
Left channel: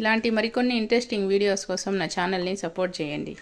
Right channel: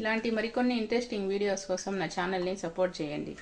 ఇలాంటి మరికొన్ని ఇంట్రెస్టింగ్ వీడియోస్ కోసం నా ఛానల్ని సపోర్ట్ చేయండి.